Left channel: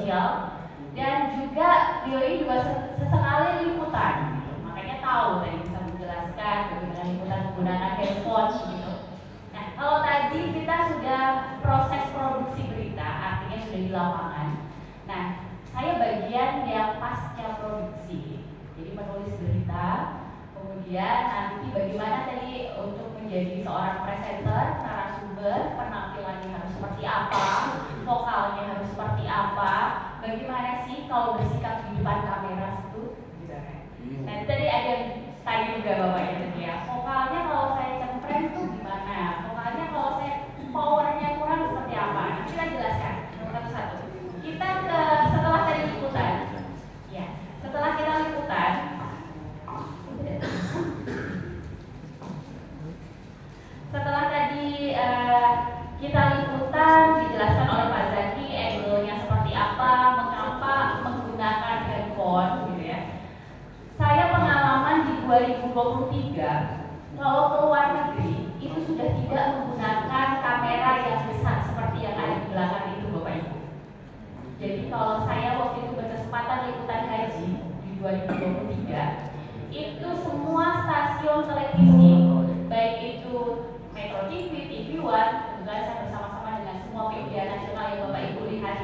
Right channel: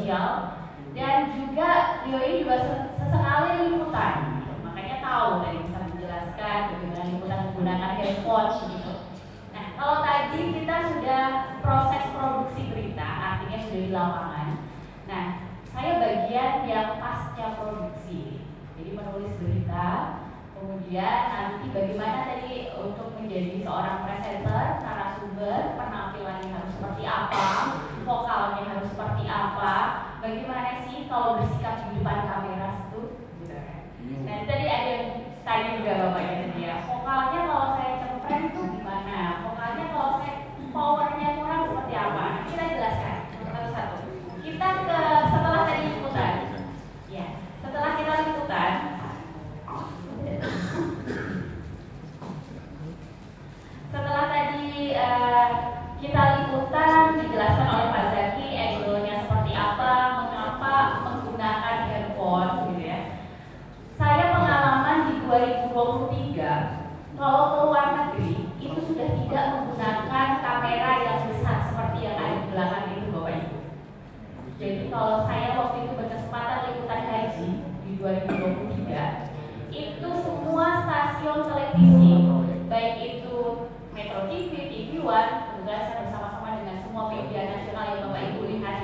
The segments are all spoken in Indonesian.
sosial, dan juga beliau ini juga sesekali liputan, makanya tahu tadi bisa menjelaskan bagaimana liputan menggunakan handphone gitu. Nah, kalau tadi kita sudah proses produksi berita, artinya sudah di lapangan. Nah, saya bagian yang pasca produksi, jadi menulis berita, kemudian nanti bagaimana tadi untuk menjadi seorang presenter, narasumber, penampilannya harus seperti apa, vokalnya harus seperti apa, bagaimana sih kalau bersikap di depan kamera itu, gitu kan. Nah, tadi ada yang tanya juga bapaknya tadi ya, vokalnya kalau saya cempreng itu gimana, vokalnya kalau saya powernya kurang seperti apa. Kita jelaskan satu-satu. Kita ke setelah tadi liputan, ya, setelah kita liputan, setelah tadi kita liputan dijelaskan oleh Pak Zaki angle-nya seperti apa, mengapa menggunakan handphone gitu ya. Saya pengalaman di 2023 kalau ke luar negeri itu sudah tidak menggunakan kamera yang besar seperti yang ada di belakang itu Bapak Ibu. Jadi kalau saya waktu itu berkesempatan liputan haji di 2023, itu semua stasiun televisi, baik itu Metro TV, TV One, kemudian saya bersama-sama dengan semua media nasional yang Bapak Ibu lihat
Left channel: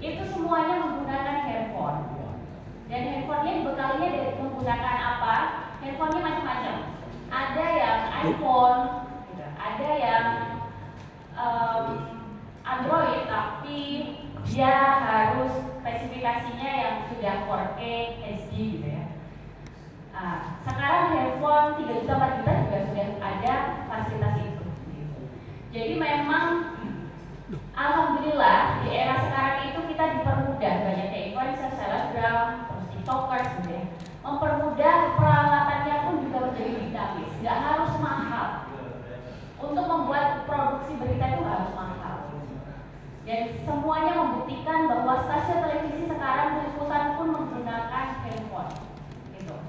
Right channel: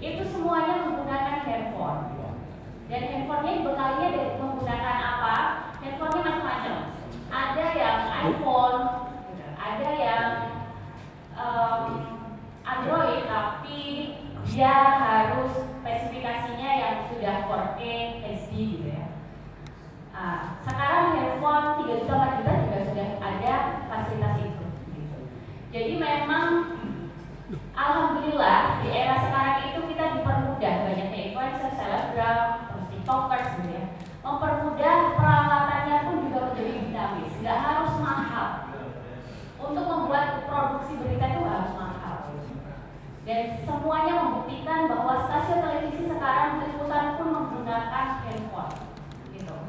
itu semuanya menggunakan handphone. Dan handphonenya dibekalinya dari menggunakan apa? Handphonenya macam-macam. Ada yang iPhone, ada yang Android, tapi dia harus spesifikasinya yang sudah 4K HD gitu ya. Sekarang handphone 3 juta 4 juta juga sudah ada fasilitas itu gitu. Jadi memang alhamdulillah di era sekarang itu kita dipermudah, banyaknya influencer, selebgram, terus tiktokers gitu ya, mempermudah, peralatannya pun juga menjadi dinamis, nggak harus mahal. Untuk membuat produksi berita itu harus mahal. Dan semuanya membuktikan bahwa stasiun televisi sekarang liputan pun menggunakan handphone.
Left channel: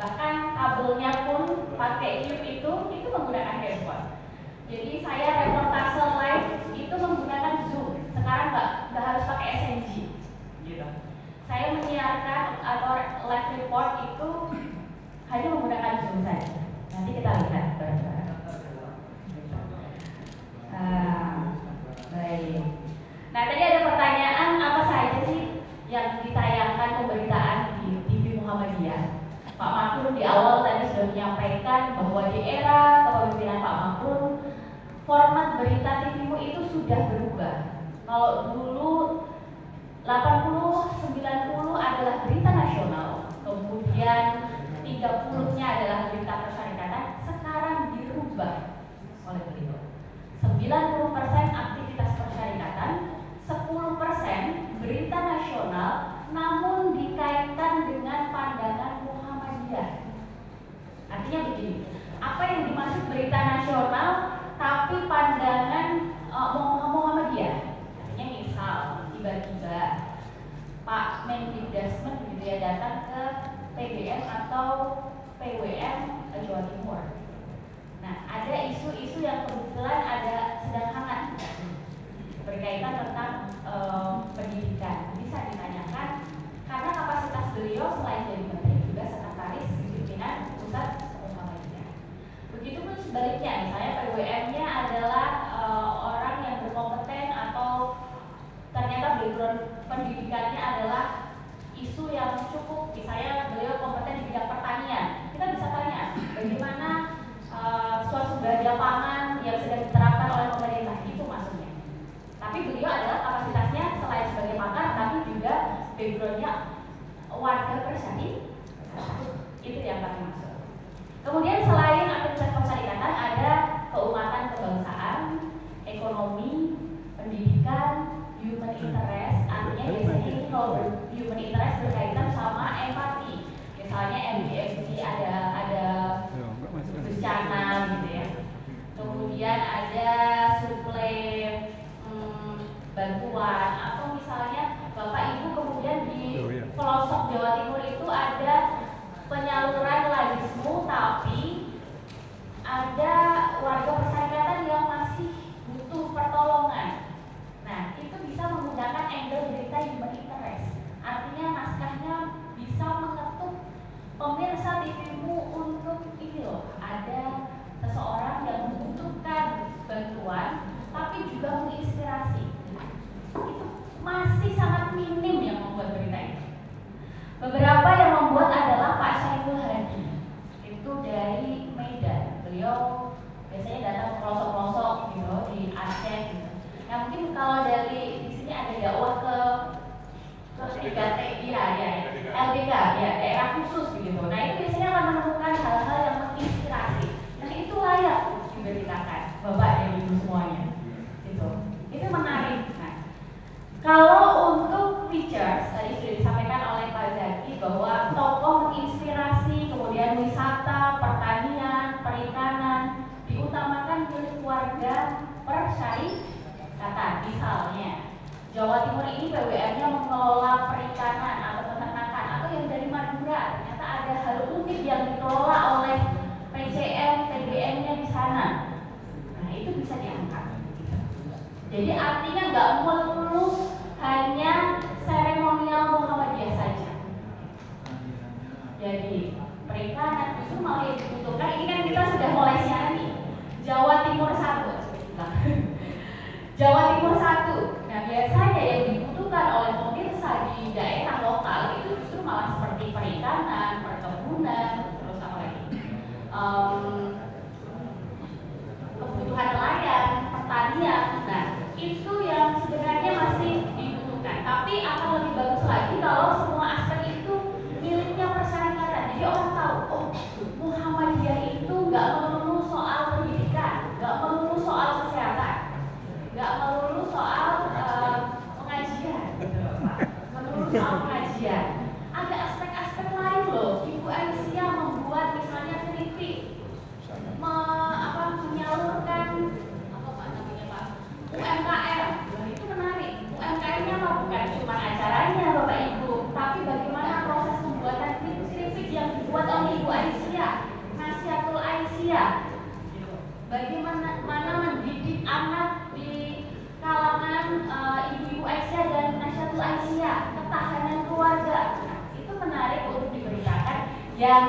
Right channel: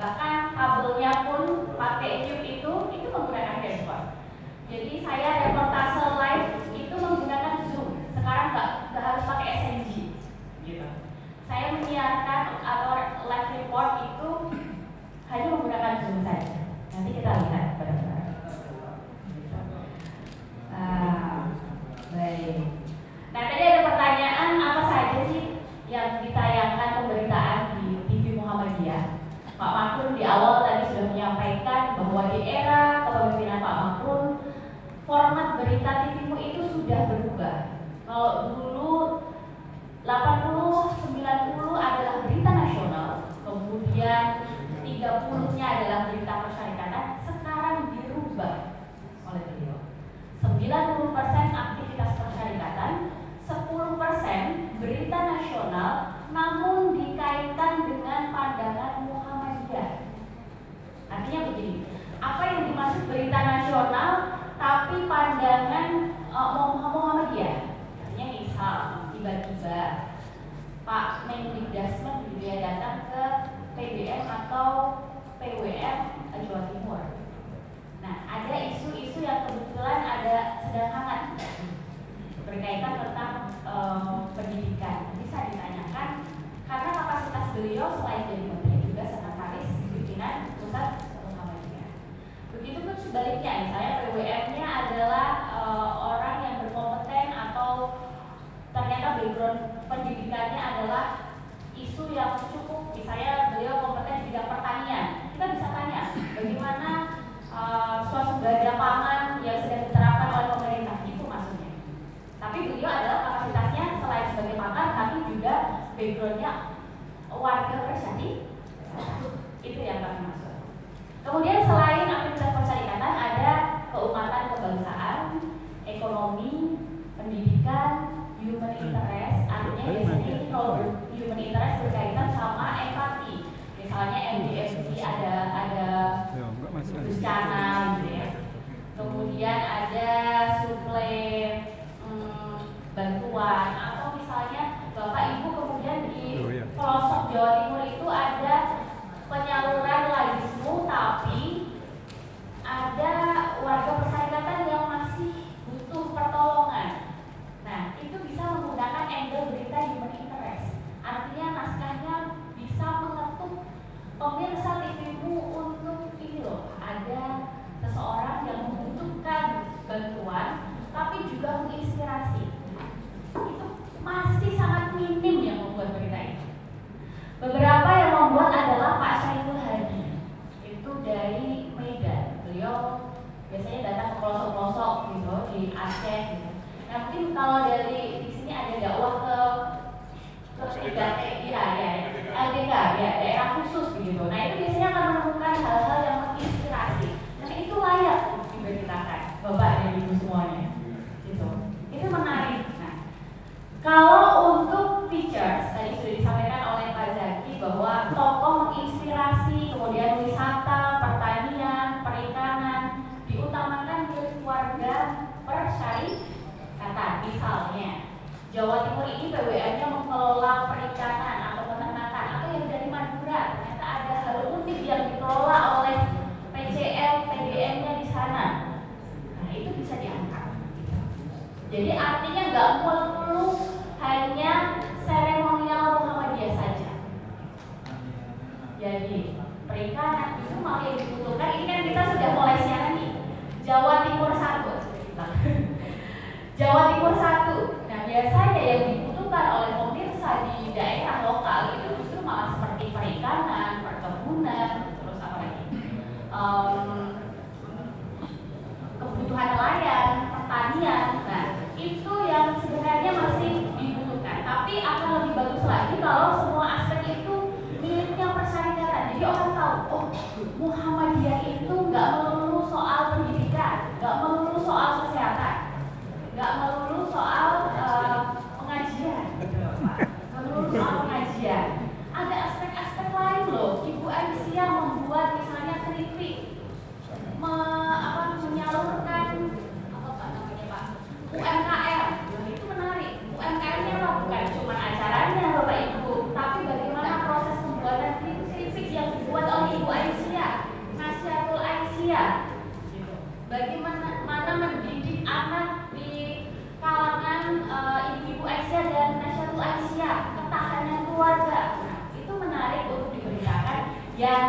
Bahkan kabelnya pun pakai chip itu menggunakan handphone. Jadi saya reportase live itu menggunakan Zoom. Sekarang nggak harus pakai SNG. Gitu. Saya menyiarkan atau live report itu hanya menggunakan Zoom saja. Nanti kita lihat bareng-bareng. Baik. Nah, tadi ada pertanyaan apa saja sih yang ditayangkan pemberitaan di TV Muhammadiyah. Pak Makrun di awal tadi sudah menyampaikan bahwa di era kepemimpinan Pak Makrun format berita TV-mu itu sudah berubah. Kalau dulu 80-90 adalah berita nasional, kemudian 30-nya adalah berita persyarikatan, sekarang dirubah oleh beliau. 90% aktivitas persyarikatan, 10% berita nasional, namun dikaitkan dengan pandangan Muhammadiyah. Artinya begini, apa yang dimaksud berita nasional tapi pandangan Muhammadiyah? Artinya misal tiba-tiba Pak Mendikbudristek gitu ya datang ke PBM atau PWM Jawa Timur. Nah, ada isu-isu yang kebetulan sedang hangat berkaitan tentang pendidikan. Bisa ditanyakan karena kapasitas beliau selain jadi menteri juga sekretaris pimpinan pusat Muhammadiyah. Begitupun sebaliknya, misalnya PWM-nya adalah orang yang berkompeten atau ternyata background pendidikannya adalah isu yang cukup, misalnya beliau kompeten di bidang pertanian. Kita bisa tanya bagaimana swasembada pangan yang sedang diterapkan oleh pemerintah, itu maksudnya. Tapi beliau adalah kapasitasnya selain sebagai pakar, tapi juga backgroundnya warga Persadi. Itu yang kami maksud. Kemudian selain aktivitas persyarikatan ada keumatan kebangsaan, ekonomi, pendidikan, human interest. Artinya biasanya ini kalau human interest berkaitan sama empati. Misalnya MDFC ada bencana gitu ya. Kemudian ada suplai bantuan, atau misalnya Bapak Ibu kemudian di pelosok Jawa Timur itu ada penyaluran lagismu, tapi ada warga persyarikatan yang masih butuh pertolongan. Nah, itu bisa menggunakan angle berita human interest. LDK, ya daerah khusus begitu. Nah itu biasanya akan menemukan hal-hal yang menginspirasi. Nah itu layak diberitakan, Bapak dan Ibu semuanya. Itu menarik. Nah, kalau untuk features tadi sudah disampaikan oleh Pak Zaki bahwa tokoh menginspirasi, kemudian wisata, pertanian, perikanan diutamakan keluarga persyarikatan. Misalnya Jawa Timur ini BUMN-nya mengelola perikanan atau peternakan, atau yang dari Madura ternyata ada hal unik yang dikelola oleh PCM, PDM-nya di sana. Nah itu bisa diangkat. Jadi artinya nggak perlu hanya seremonial Muhammadiyah saja. Jadi perikanan justru malah yang dibutuhkan. Ini kan kita sudah mulai siaran nih. Jawa Timur 1. Jawa Timur 1. Nah biasanya yang dibutuhkan oleh pemirsa di daerah lokal itu justru malah seperti perikanan, perkebunan, terus apa lagi? Kebutuhan nelayan, pertanian. Nah itu yang sebenarnya masih dibutuhkan. Tapi akan lebih bagus lagi kalau semua aspek itu miliknya persyarikatan. Jadi orang tahu, oh Muhammadiyah itu nggak melulu soal pendidikan, nggak melulu soal kesehatan, nggak melulu soal pengajian, melulu soal pengajian. Ada aspek-aspek lain loh. Ibu Aisyah membuat misalnya keripik, menyalurkan UMKM. Nah, itu menarik. UMKM-nya bukan cuma acaranya Bapak Ibu, tapi bagaimana proses pembuatan keripik yang dibuat oleh Ibu Aisyah, Nasihatul Aisyah. Bagaimana mendidik anak di kalangan Ibu Aisyah dan Nasihatul Aisyah, ketahanan keluarga. Nah, itu menarik untuk diberitakan yang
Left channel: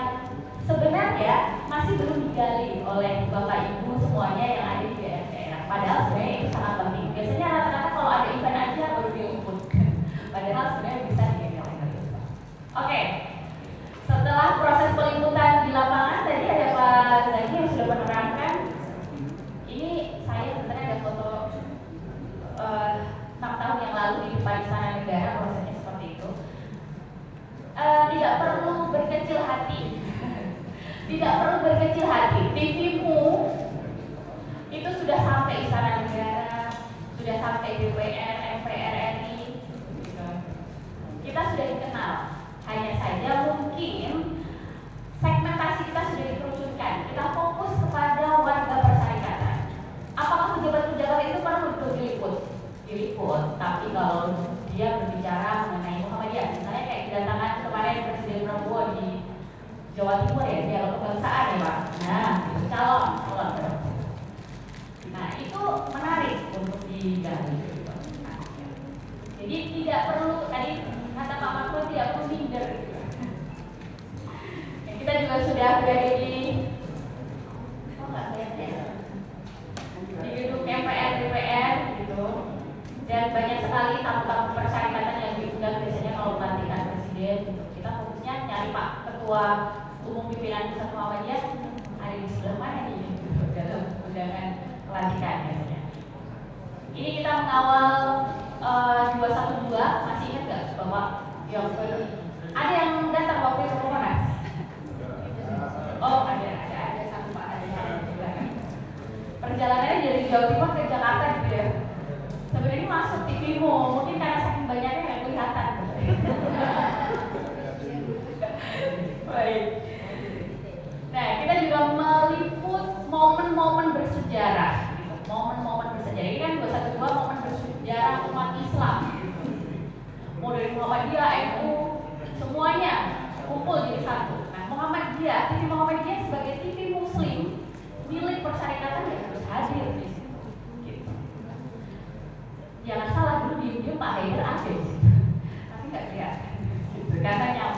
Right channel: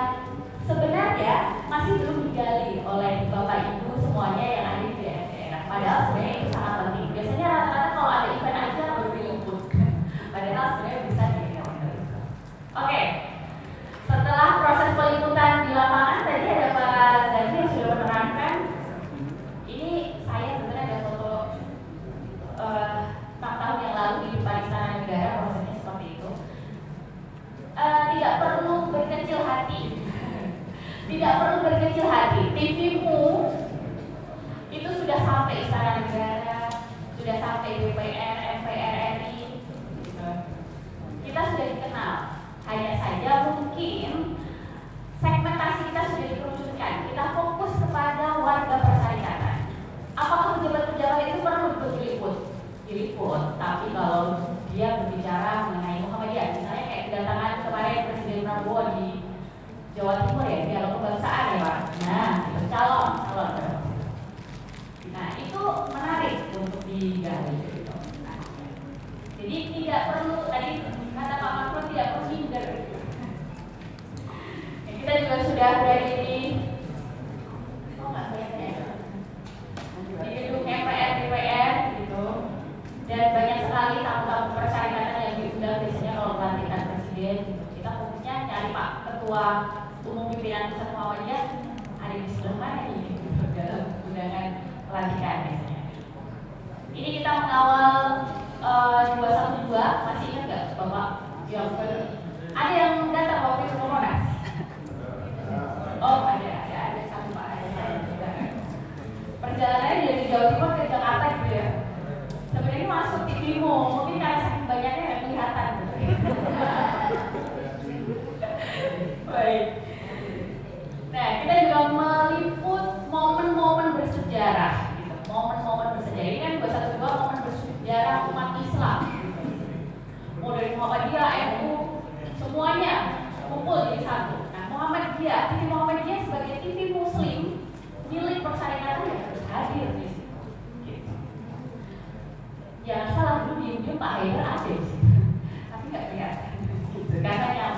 sebenarnya masih belum digali oleh Bapak Ibu semuanya yang ada di daerah. Padahal sebenarnya itu sangat penting. Biasanya rata-rata kalau ada event aja baru diliput. Padahal sebenarnya bisa digali. Oke. Setelah proses peliputan di lapangan, tadi ada Pak Zaki yang sudah menerangkan. Ini saya sebenarnya ada foto 6 tahun yang lalu di depan Istana Negara, prosesnya seperti itu. Tidak perlu berkecil hati. Tidak perlu berkecil hati. TV-mu itu sudah sampai Istana Negara, sudah sampai DPR, MPR RI. Kita sudah dikenal. Hanya saja mungkin segmentasi kita sudah dikerucutkan. Kita fokus kepada warga persyarikatan. Apakah pejabat-pejabat itu perlu untuk diliput? Tapi kalau dia berbicara mengenai Muhammadiyah, misalnya kayak kedatangan kemarin Presiden Prabowo di Jawa Timur ya, dialog kebangsaan ya Pak. Nah, itu calon. Nah, itu menarik untuk digali. Jadi tidak perlu, tadi kata Pak Mahfud, tidak perlu minder. Kita juga sudah dari di gedung MPR, DPR gitu, dan banyak sekali tamu-tamu persyarikatan yang diundang biasanya kalau pelantikan presiden. Kita fokusnya cari Pak Ketua Umum Pimpinan Pusat Muhammadiyah ada di sebelah mana nih dalam undangan pelantikan biasanya. Ini kita mengawal 212, masih ingat nggak Bapak? Yang ada yang datang waktu itu kemana? Oh ada satu Pak. Perjalanannya dari Jawa Timur ke Jakarta gitu ya. Sebenarnya masuk TV-mu, mungkin karena saking banyaknya nggak kelihatan. Baik. Nah, kita juga meliput momen-momen bersejarah, gitu. Momen-momen bersejarah ini kan 212 momen bersejarah umat Islam. Gitu. Mau dari Muhammadiyah, NU, semuanya kumpul jadi satu. Nah, TV Muhammadiyah sebagai TV Muslim milik persyarikatan ya harus hadir di situ. Gitu. Jangan salah dulu di Pak Haider ada di situ, tapi nggak kelihatan. Gitu. Karena yang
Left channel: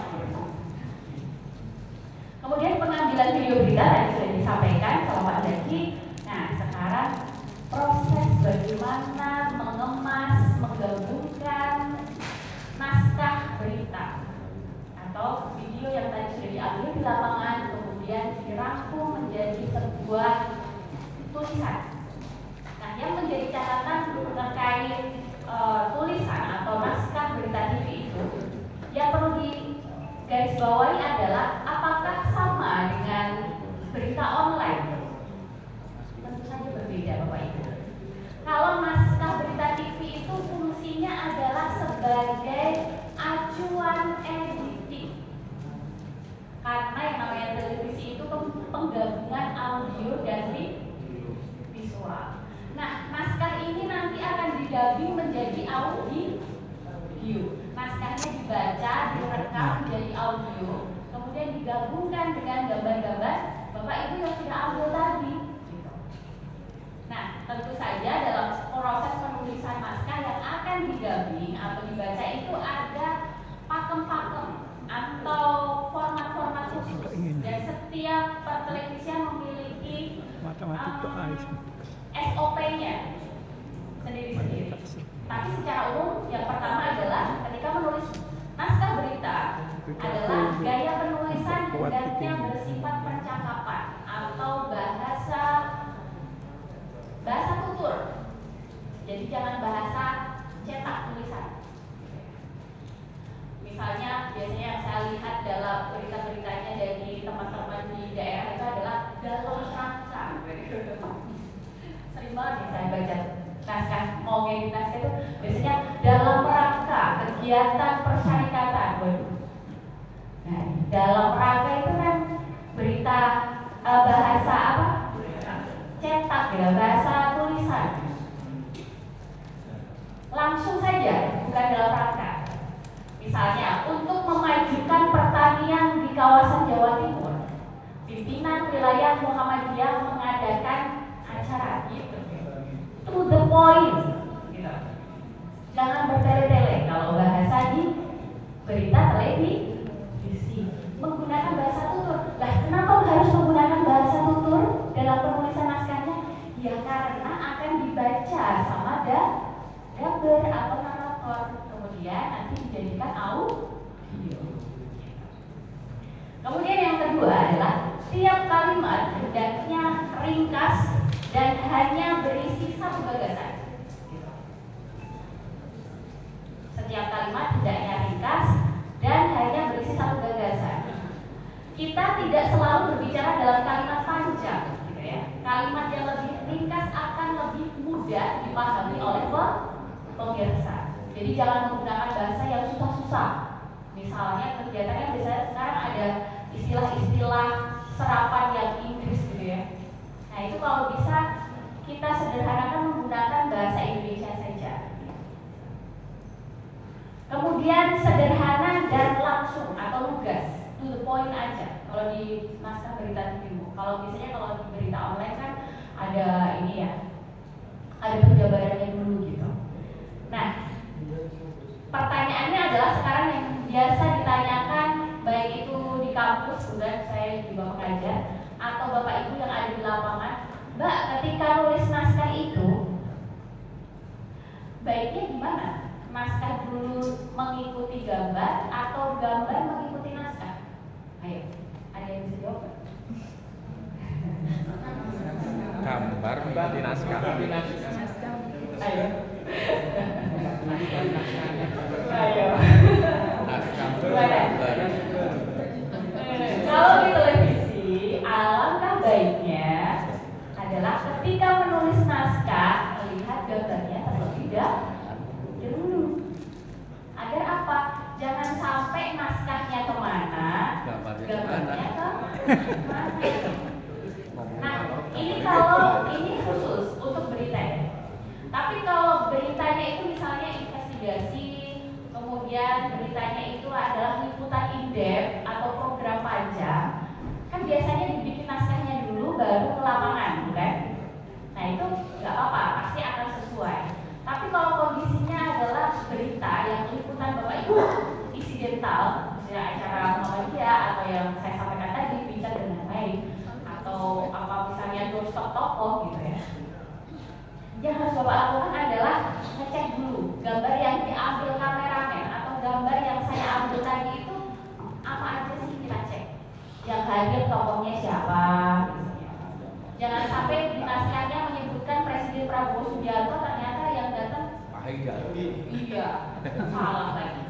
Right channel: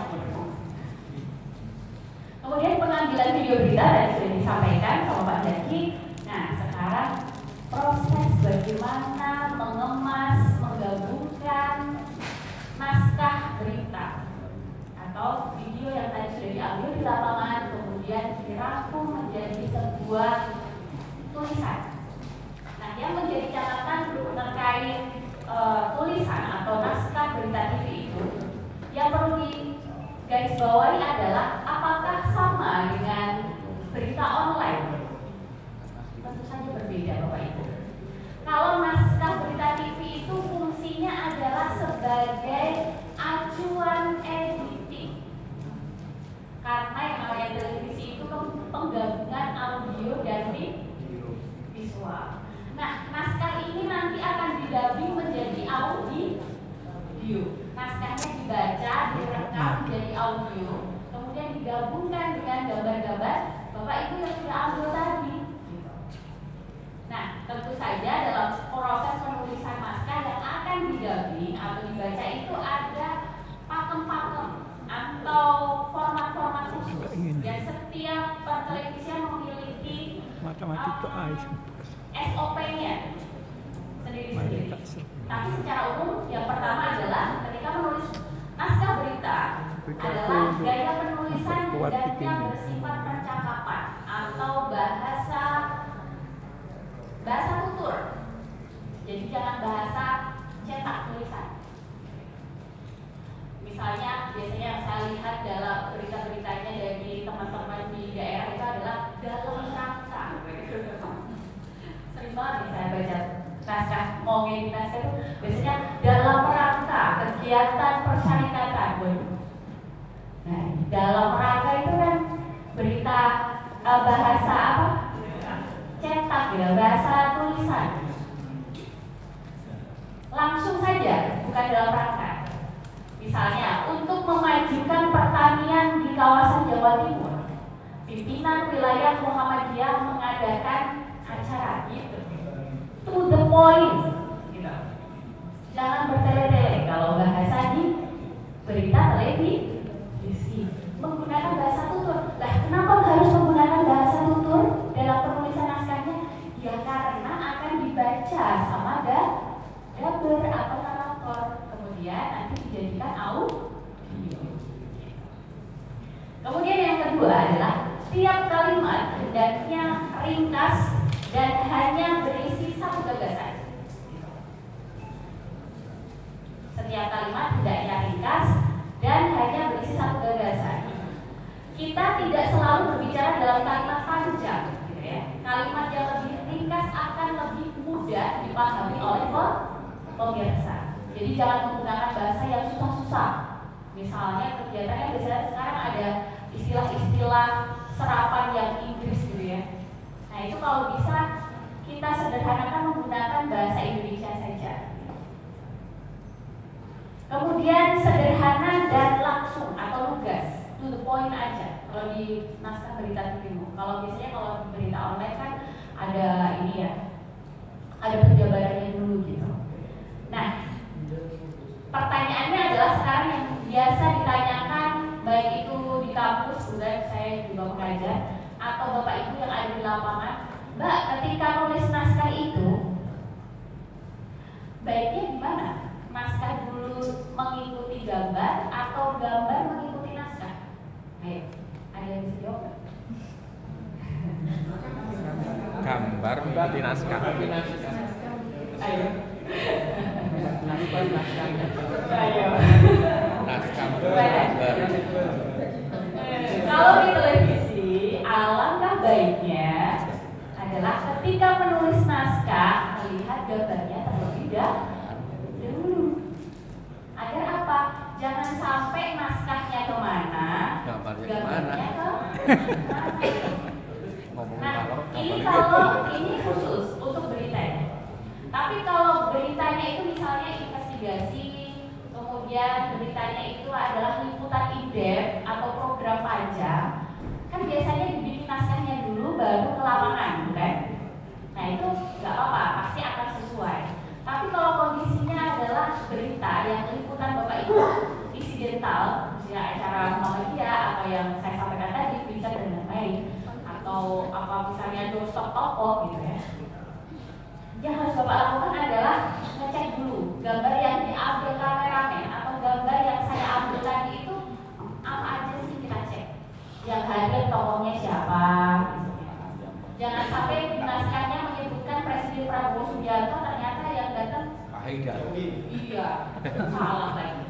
kemudian pengambilan video berita yang sudah disampaikan sama Pak Zaki. Nah, sekarang proses bagaimana mengemas, menggabungkan naskah berita atau video yang tadi sudah diambil di lapangan, kemudian dirangkum menjadi sebuah tulisan. Nah, yang menjadi catatan terkait tulisan atau naskah berita TV itu digarisbawahi adalah apakah sama dengan berita online? Tentu saja berbeda, Bapak Ibu. Kalau naskah berita TV itu fungsinya adalah sebagai acuan editing. Karena yang namanya televisi itu penggabungan audio dan visual. Nah, naskah ini nanti akan didubbing menjadi audio. Naskahnya dibaca, direkam menjadi audio, kemudian digabungkan dengan gambar-gambar Bapak Ibu yang sudah audio tadi. Nah, tentu saja dalam proses penulisan naskah yang akan didubbing atau dibaca itu ada pakem-pakem atau format-format khusus. Dan setiap pertelevisian memiliki SOP-nya sendiri-sendiri. Tapi secara umum yang pertama adalah ketika menulis naskah berita adalah gaya penulisan hendaknya bersifat percakapan atau bahasa tutur. Jadi jangan bahasa cetak tulisan. Misalnya biasanya yang saya lihat dalam berita-beritanya dari teman-teman di daerah itu adalah dalam rangka. Sering banget saya baca naskah mau ngedit naskah itu biasanya dalam rangka kegiatan persyarikatan. Nah, dalam rangka itu kan berita bahasa apa? Cetak ya, bahasa tulisan. Langsung saja, bukan dalam rangka. Misalnya, untuk memajukan pertanian di kawasan Jawa Timur, pimpinan wilayah Muhammadiyah mengadakan acara gitu. To the point, gitu. Jangan bertele-tele kalau bahasa di berita televisi. Menggunakan bahasa tutur. Lah, kenapa harus menggunakan bahasa tutur dalam penulisan naskahnya? Ya karena akan dibaca sama dubber atau narator, kemudian nanti dijadikan audio. Kemudian yang kedua adalah tiap kalimat hendaknya ringkas dan hanya berisi satu gagasan. Setiap kalimat hendaknya ringkas dan hanya berisi satu gagasan. Kita tidak selalu berbicara dalam kalimat panjang, gitu ya. Kalimat yang lebih ringkas akan lebih mudah dipahami oleh pemirsa. Jadi jangan menggunakan bahasa yang susah-susah. Misalnya kegiatannya biasanya sekarang ada istilah-istilah serapan yang Inggris gitu ya. Nah itu kalau bisa kita sederhanakan menggunakan bahasa Indonesia saja. Kemudian sederhana dan langsung atau lugas, to the point aja. Kalau di naskah berita TV, kalau biasanya kalau di berita online kan ada ini ya, ada penjabarannya dulu gitu. Nah, pertanyaannya adalah sekarang yang biasa ditanyakan baik itu di kampus, kemudian saya juga mengajar, atau Bapak Ibu yang ada di lapangan, Mbak, ketika nulis naskah itu baiknya gimana? Naskah dulu mengikuti gambar atau gambar mengikuti naskah? Ayo, ada yang bisa jawab? Gambar mengikuti naskah. Ayo. Kalau di televisi, alangkah baiknya adalah ketika menulis naskah melihat gambarnya terlebih dahulu. Agar apa? Jangan sampai naskahnya kemana, gambarnya ke mana. Nah, ini kalau ini khusus untuk beritanya. Tapi kalau beritanya itu misalnya investigasi, kemudian beritanya itu adalah liputan in-depth atau program panjang, kan biasanya dibikin naskahnya dulu baru ke lapangan, bukan? Nah itu nggak apa-apa, pasti akan sesuai. Tapi kalau kondisinya adalah berita yang liputan Bapak Ibu insidental, misalnya acara Muhammadiyah atau yang saya sampaikan tadi, bincang dengan baik, atau apa misalnya doorstop toko gitu ya. Yang harus Bapak lakukan adalah ngecek dulu gambar yang diambil kameramen atau gambar yang saya ambil tadi itu apa aja sih, kita cek. Yang hadir tokohnya siapa. Jangan sampai di naskahnya menyebutkan Presiden Prabowo Subianto, ternyata yang datang iya, salah lagi.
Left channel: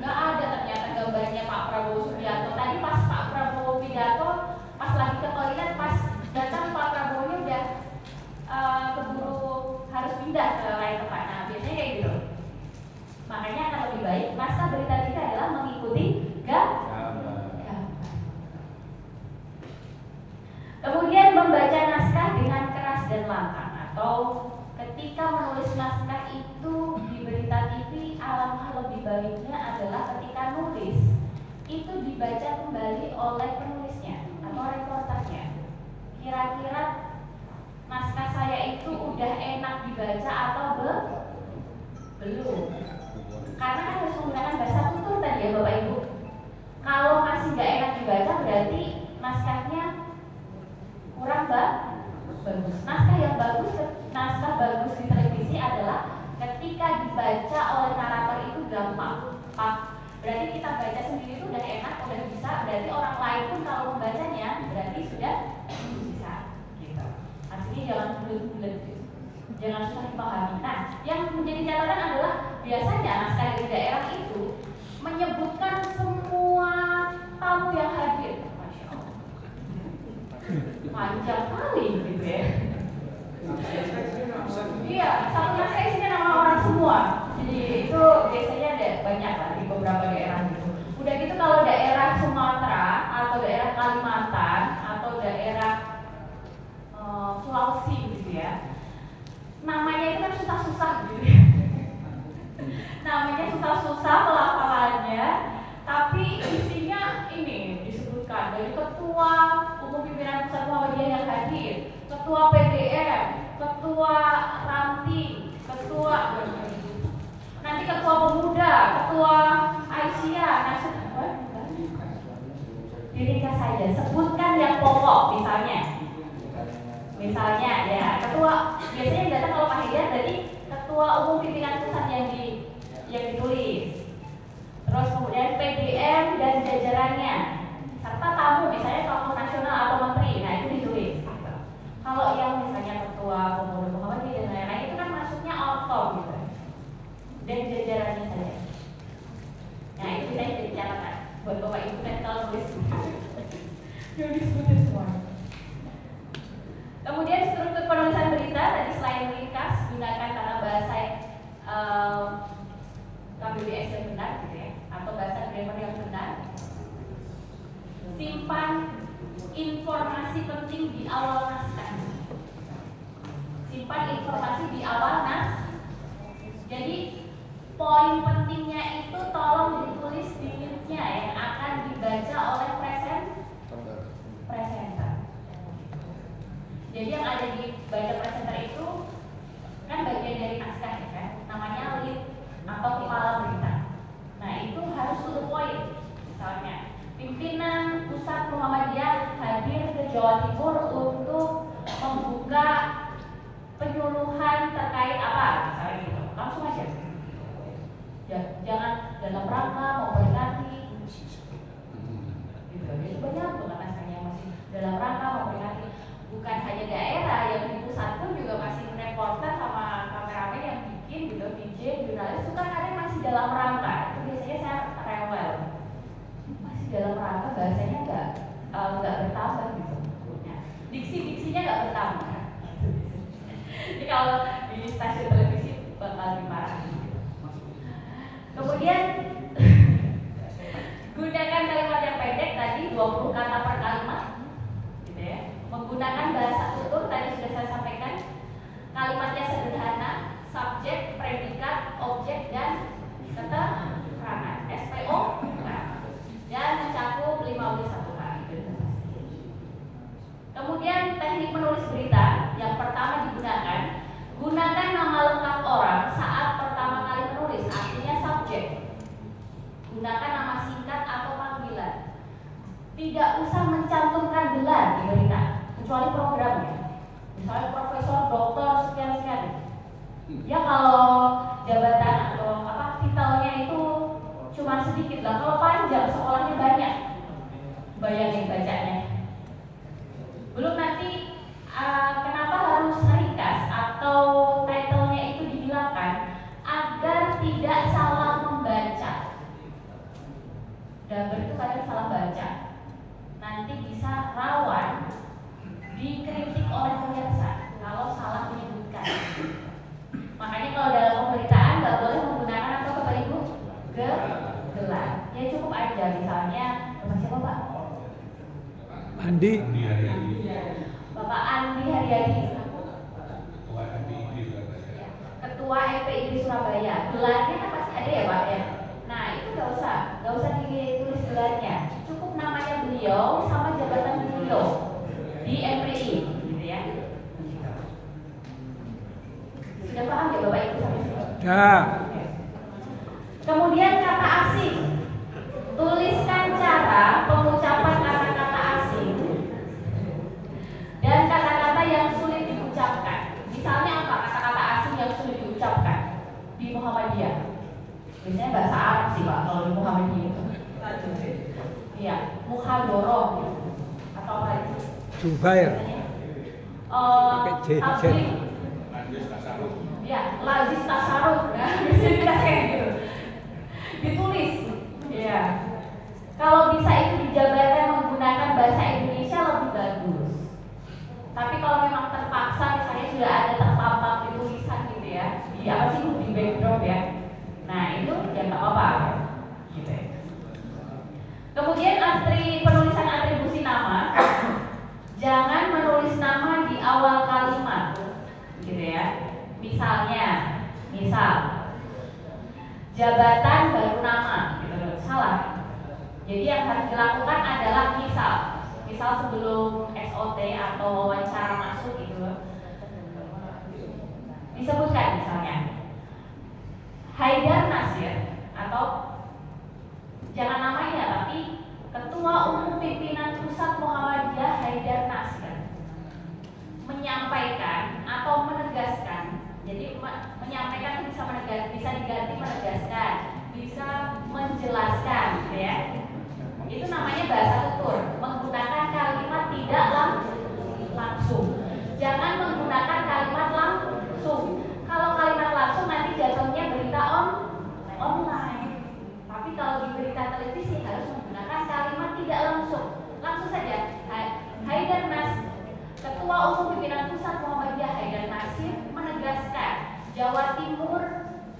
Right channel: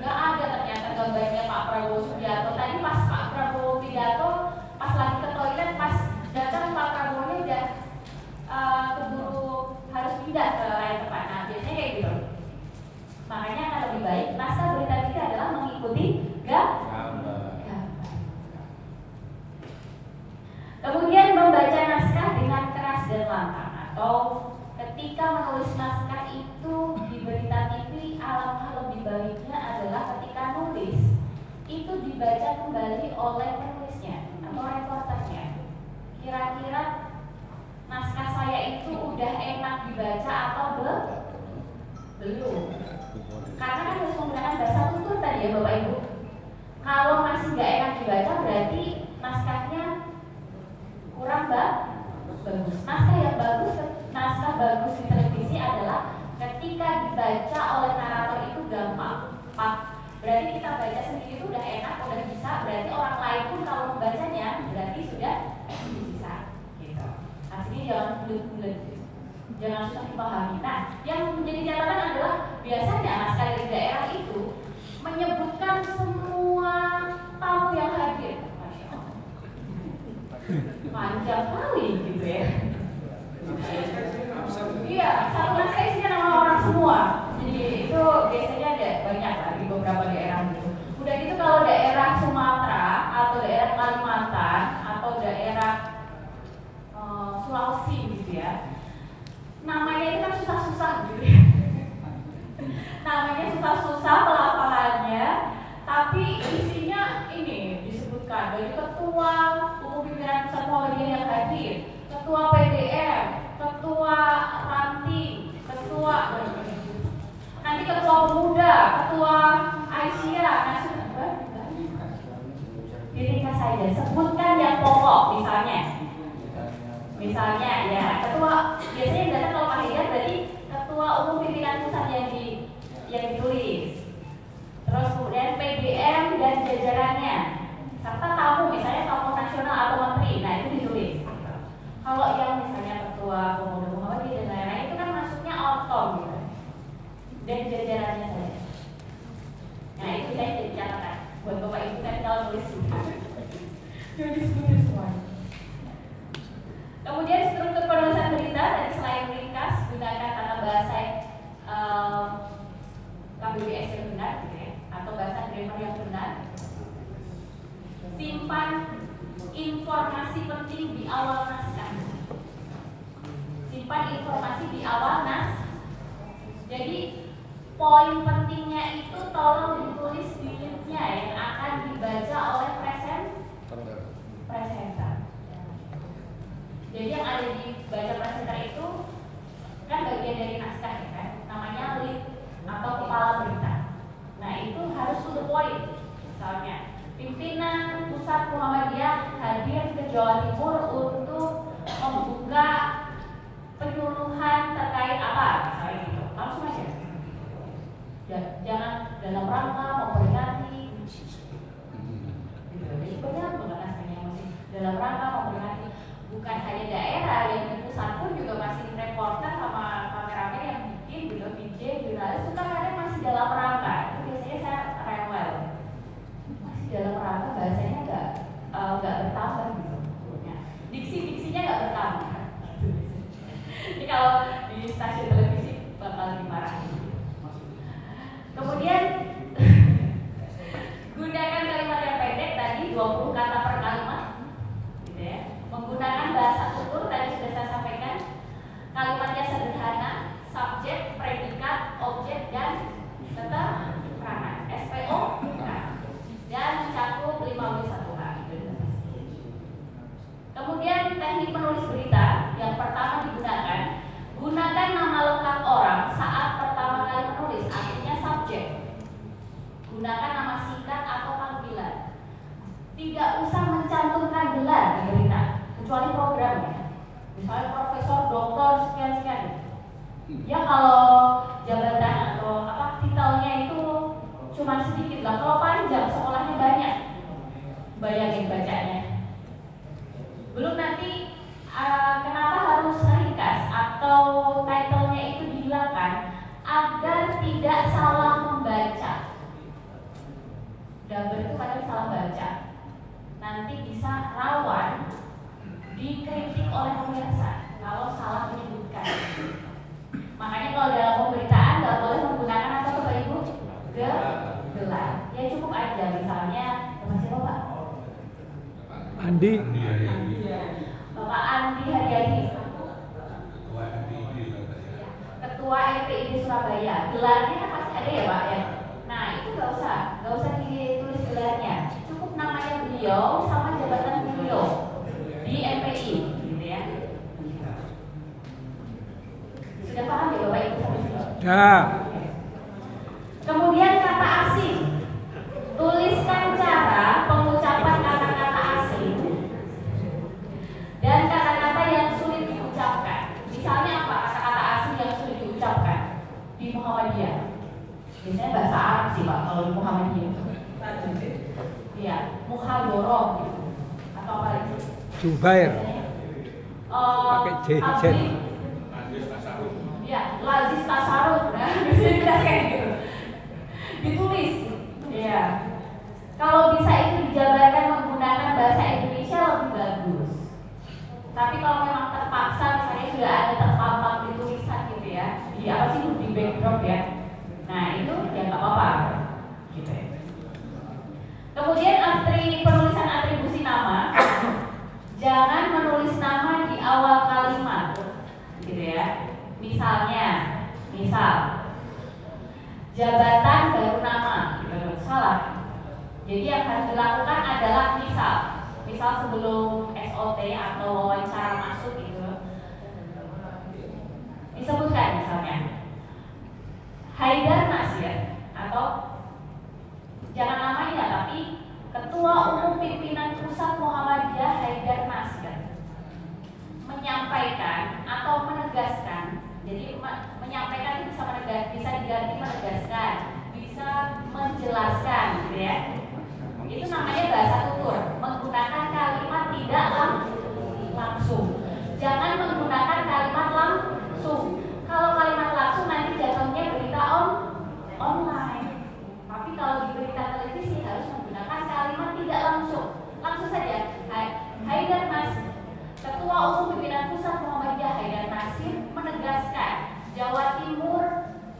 Nggak ada ternyata gambarnya Pak Prabowo ya Bapak Ibu. Kalau masih nggak enak dibaca berarti naskahnya kurang bagus. Naskah bagus di televisi adalah ketika dibaca oleh narator itu gampang. Berarti kita baca sendiri itu udah enak, udah bisa. Berarti orang lain pun kalau membacanya berarti sudah bisa. Gitu. Artinya jangan bulat-bulat, jangan susah dipahami. Nah, yang menjadi catatan adalah biasanya naskah dari daerah itu menyebutkan semua tamu yang hadir. Masya Allah. Panjang kali gitu ya. Iya, satu naskah isinya nama orang semua. Jadi itu biasanya ada banyak lah di beberapa daerah gitu. Udah gitu kalau daerah Sumatera atau daerah Kalimantan atau daerah Sulawesi gitu ya, namanya itu kan susah-susah gitu ya. Namanya susah-susah pelafalannya, tapi isinya ini disebutkan dari ketua umum pimpinan pusat Muhammadiyah yang hadir, ketua PDM, ketua ranting, ketua nanti ketua pemuda, ketua Aisyah, diringkas saja, sebutkan yang pokok misalnya ya ketua, biasanya yang datang kalau panggilan berarti ketua umum pimpinan pusat yang ditulis, terus kemudian PDM dan jajarannya serta tamu, misalnya tokoh nasional atau menteri, nah itu ditulis. Kalau yang misalnya ketua pemuda Muhammadiyah dan lain-lain itu kan masuknya auto gitu dan jajarannya saja. Nah itu saya jadi catatan buat Bapak Ibu kan kalau tulis jadi sebenarnya semua. Kemudian struktur penulisan berita tadi selain ringkas gunakan tata bahasa KBBS yang benar gitu ya, atau bahasa grammar yang benar. Simpan informasi penting di awal naskah. Simpan informasi di awal naskah. Jadi poin pentingnya itu tolong ditulis di linknya yang akan dibaca oleh presenter. Jadi yang ada di baca presenter itu kan bagian dari naskah ya kan, namanya lead atau kepala berita. Nah itu harus to the point. Misalnya pimpinan pusat Muhammadiyah hadir ke Jawa Timur untuk membuka penyuluhan terkait apa, misalnya gitu. Langsung aja. Jangan dalam rangka memperingati gitu. Jadi banyak banget naskahnya masih dalam rangka memperingati. Bukan hanya daerah, yang di pusat pun juga masih reporter sama kameramen yang bikin gitu, DJ, jurnalis itu kadang masih dalam rangka. Itu biasanya saya rewel. Masih dalam rangka, bahasanya nggak bertambah gitu. Diksinya nggak bertambah. Jadi kalau di stasiun televisi bakal dimarahin. Kemudian gunakan kalimat yang pendek tadi 20 kata per kalimat, gitu ya. Menggunakan bahasa tutur tadi sudah saya sampaikan. Kalimatnya sederhana, subjek, predikat, objek dan keterangan. SPO bukan. Dan mencakup 5W1H. Kemudian teknik menulis berita yang pertama digunakan, gunakan nama lengkap orang saat pertama kali menulis, artinya subjek. Gunakan nama singkat atau panggilan. Tidak usah mencantumkan gelar di berita, kecuali programnya. Misalnya profesor, doktor, sekian-sekian. Ya kalau jabatan atau apa titelnya itu cuma sedikit lah. Kalau panjang, sekolahnya banyak. Bayangin bacanya. Belum nanti kenapa harus ringkas atau titlenya itu dihilangkan agar tidak salah membaca. Daber itu kadang salah baca. Nanti bisa rawan dikritik oleh pemirsa kalau salah menyebutkan. Makanya kalau dalam pemberitaan nggak boleh menggunakan apa Bapak Ibu? Gelar. Ya cukup aja misalnya siapa Pak? Andi. Bapak Andi Haryadi. Ketua LPID Surabaya. Gelarnya kan pasti ada ya Pak ya. Nah itu nggak usah ditulis gelarnya. Cukup namanya beliau sama jabatan beliau di MPI, gitu ya. Sudah paham ya Bapak Ibu sampai sini? Ya. Kemudian kata asing. Zubair. Pakai J. Ya, Lazis Tasarruf, nah, bisa kayak gitu. Ditulis, ya. Kalau bisa itu dijabarkan menggunakan bahasa Indonesia lebih bagus. Tapi kalau memang terpaksa, misalnya sudah ada tertampak di tulisan gitu ya, di apa sih di backdrop ya. Nah itu ya nggak apa-apa, gitu ya. Kemudian penulisan atribusi nama, jangan menulis nama di awal kalimat, gitu ya. Misal jabatan baru nama, gitu salah. Jadi yang harus dilakukan adalah misal sebelum SOT atau wawancara masuk itu disebutkan misalnya Haidar Nasir atau jangan namanya tapi Ketua Umum Pimpinan Pusat Muhammadiyah Haidar Nasir menyampaikan atau menegaskan. Jadi menyampaikan bisa diganti menegaskan, bisa menjelaskan, gitu ya. Itu namanya bahasa tutur, menggunakan kalimat tidak langsung. Jangan menggunakan kalimat langsung. Kalau kalimat langsung nanti jatuhnya berita online. Tapi kalau di berita televisi harus menggunakan kalimat tidak langsung. Langsung saja. Haidar Nasir, Ketua Umum Pimpinan Pusat Muhammadiyah Haidar Nasir menegaskan Jawa Timur,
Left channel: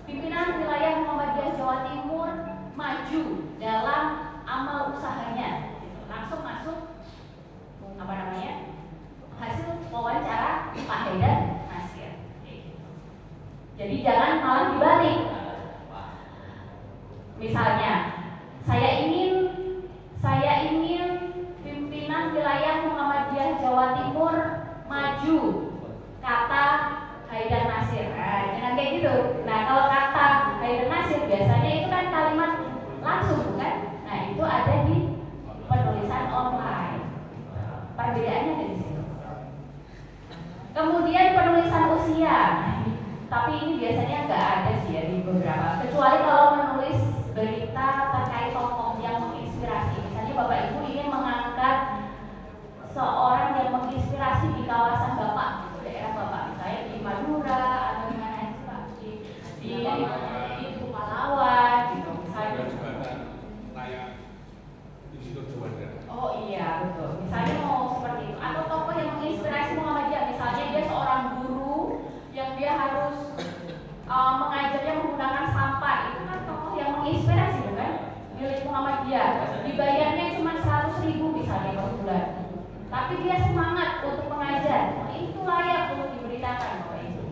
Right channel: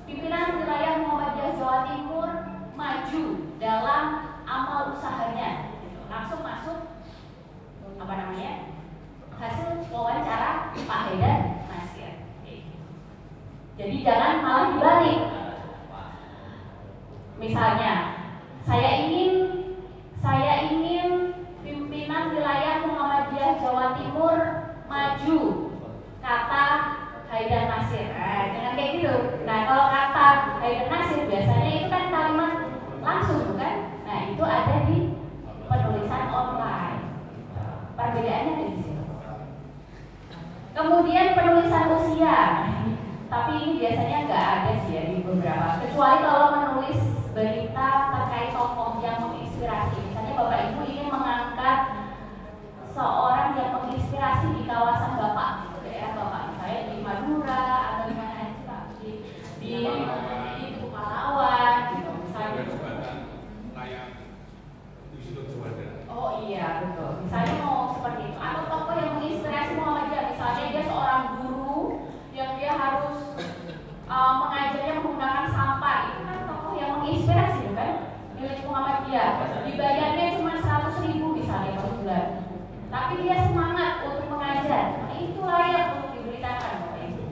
pimpinan wilayah Muhammadiyah Jawa Timur maju dalam amal usahanya. Langsung masuk hasil wawancara Pak Haidar Nasir. Jadi jangan malah dibalik. Misalnya saya ingin pimpinan wilayah Muhammadiyah Jawa Timur maju, kata Haidar Nasir. Nah, dengan kayak gitu. Nah, kalau kata Haidar Nasir biasanya itu kan kalimat langsung, bukan? Nah, itu ada di penulisan online. Perbedaannya ada di sini. Kemudian penulisan usia. Tapi ini biasanya nggak ada sih ya di beberapa. Kecuali kalau menulis berita terkait tokoh yang menginspirasi. Misalnya Bapak Ibu ingin mengangkat seorang yang menginspirasi di kawasan Bapak, itu daerah Bapak, misalnya di Madura atau di mana itu Pak? Di Pahlawan, gitu. Misalnya. Oh iya betul. Misalnya mau seperti itu. Atau tokoh yang menginspirasi Muhammadiyah, misalnya dia seorang guru yang dia harus mengajarnya menggunakan sampah, itu kan tokoh yang menginspirasi, bukan? Milik Muhammadiyah. Dibayarnya cuma 100.000 misalnya per bulan. Tapi dia semangat untuk mengajar. Itu layak untuk diberitakan, Bapak Ibu.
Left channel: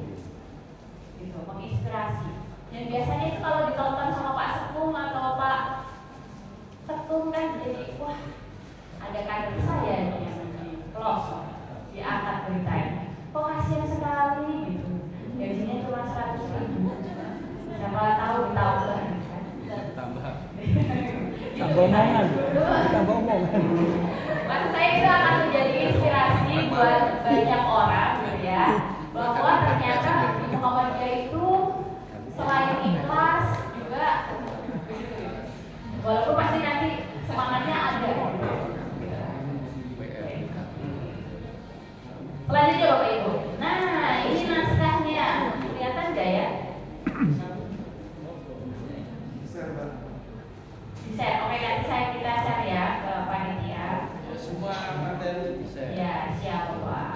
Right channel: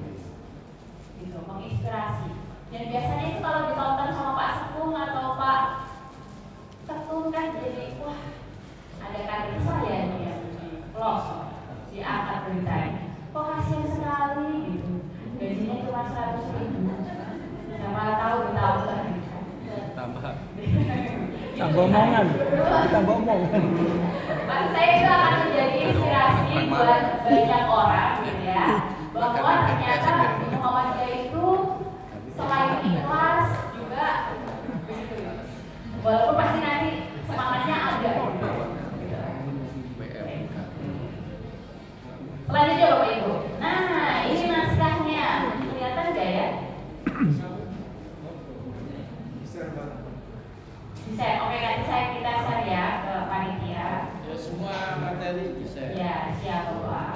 Gitu, menginspirasi. Dan biasanya itu kalau ditonton sama Pak Sekung atau Pak Ketum kan jadi wah, ada kader saya nih yang diangkat beritanya. Kok kasihan sekali gitu. Gajinya cuma 100.000. Siapa tahu ditambah. Tambah omongan. Maksud saya itu akan menjadi inspirasi buat banyak orang gitu ya, bahwa ternyata di Muhammadiyah itu selain ikhlas juga begitu. Walaupun pasti nanti semangatnya ada. Selanjutnya Bapak Ibu. Nah, ini naskahnya. Kelihatan nggak ya? Bisa. Oke, nanti kita share ya ke panitia. Ya semua materi bisa. Ya, siap Pak.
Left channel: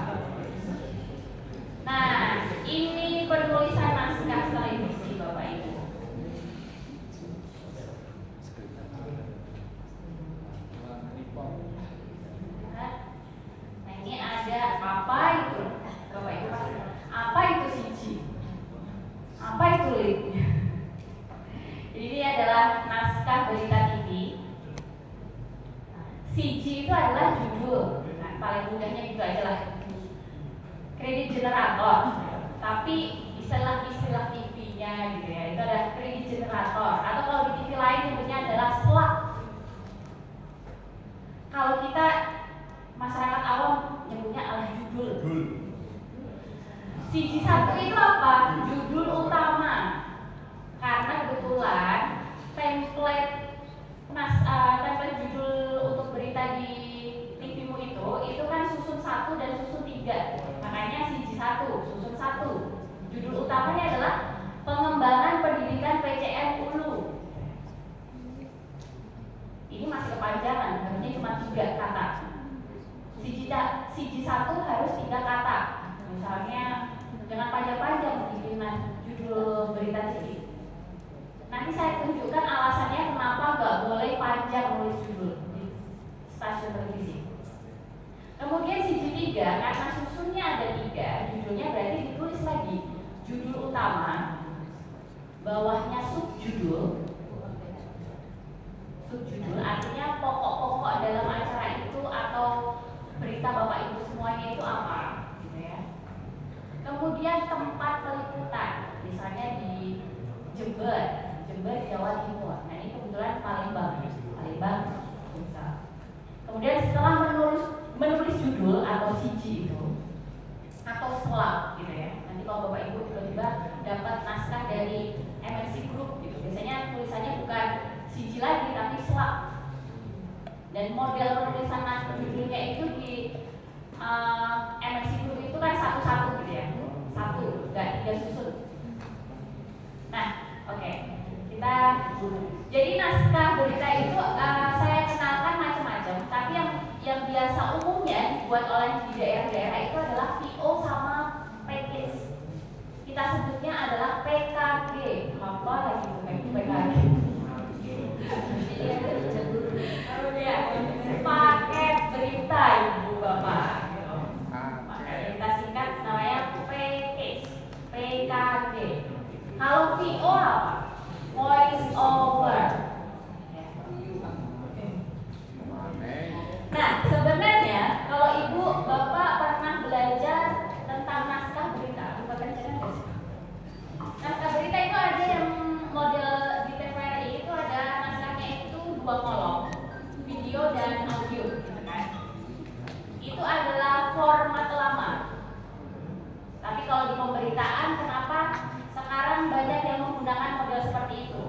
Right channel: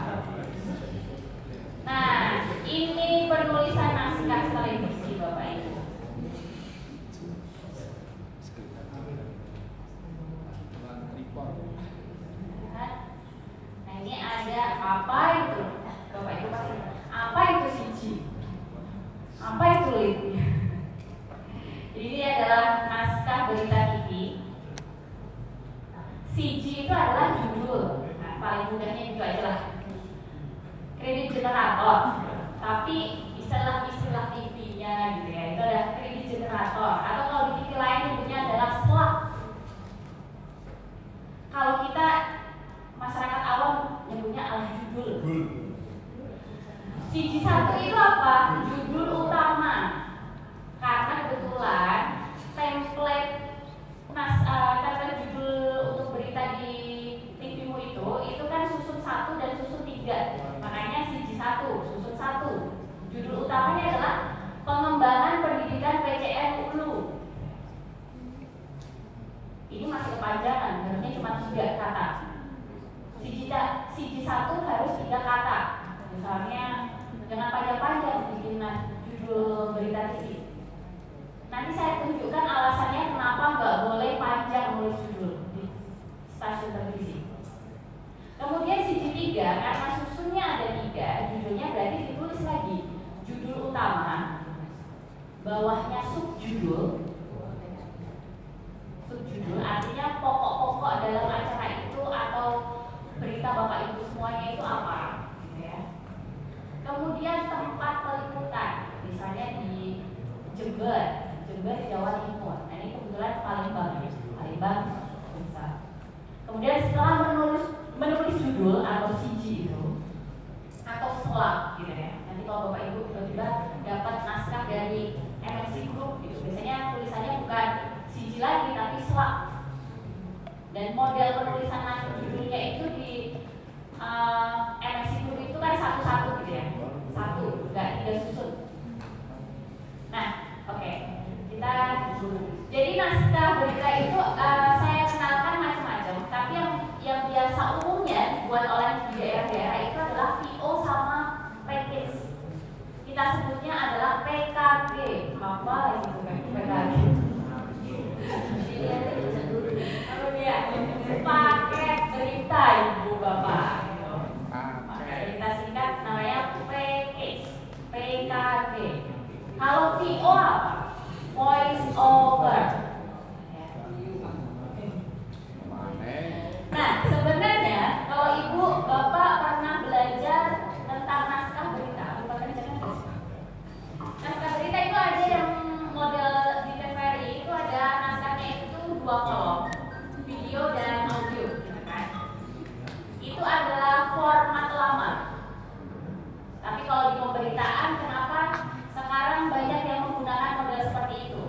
Nah, ini penulisan naskah televisi Bapak Ibu. Nah, ini ada apa itu? Bapak Ibu pasti. Apa itu siji? Apa itu lead? Jadi ini adalah naskah berita TV. CG itu adalah judul. Nah, paling mudahnya itu adalah kredit generator. Tapi istilah TV-nya gitu ya, itu adalah kredit generator. Atau kalau di TV lain nyebutnya adalah slot. Kalau kita masyarakat awam nyebutnya adalah judul. CG1 itu apa? Judul utama. Karena kebetulan template judul untuk berita di TV-mu itu kan susun ketiga, karena susunnya ada 3, judulnya berarti ditulis lagi judul utama, bawahnya subjudul. Subjudul artinya pokok-pokok dalam acara itu atau berita Bapak Ibu semuanya itu apa, gitu ya. Kemudian tempat peliputan, misalnya di Jember, Jawa Timur. Nah ini kebetulan Palembang bisa. Kemudian setelah menulis judul atau siji itu atau selap, gitu ya. Nanti kalau Bapak Ibu tiba-tiba dapat naskah dari MFC Group, gitu. Biasanya tulisannya bukan siji lagi tapi selap. Dan model penulisan naskah judulnya itu di MFC Group itu kan satu-satu, gitu ya. Satu, nggak 3 susun. Nah, oke. Jadi naskah berita itu saya kenalkan macam-macam, tapi yang biasa umumnya dibuat oleh di daerah-daerah itu adalah VO sama package. Kita sebutnya adalah PKG. Apa lagi itu PKG? Oh iya, paket berita Ibu Bapak. Paket berita singkat namanya package, PKG. Kalau VO apa? Voice over. Nah, sebenarnya kalau Ibu Bapak pernah belajar tentang naskah berita, naskah berita itu ada yang model di TVRI itu ada naskahnya itu 2 kolom, video dan audio, gitu kan? Itu adalah format lama. Tapi kalau di pemberitaan, kenapa sekarang banyak yang menggunakan model seperti itu?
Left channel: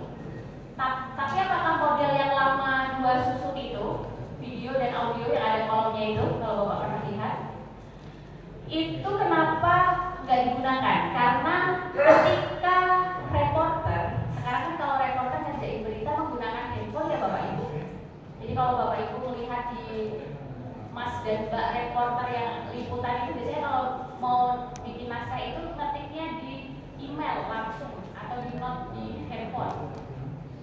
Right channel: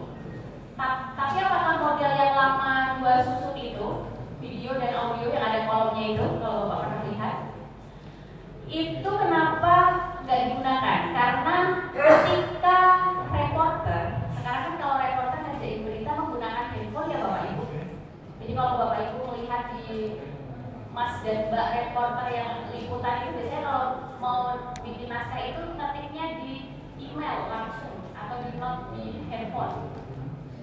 Tapi apakah model yang lama 2 susun itu, video dan audio yang ada kolomnya itu, kalau Bapak pernah lihat, itu kenapa nggak digunakan? Karena ketika reporter, sekarang kan kalau reporter ngerjain berita menggunakan handphone ya Bapak Ibu. Jadi kalau Bapak Ibu melihat di Mas dan Mbak reporter yang liputan itu biasanya kalau mau bikin naskah itu ngetiknya di email langsung atau di note di handphone.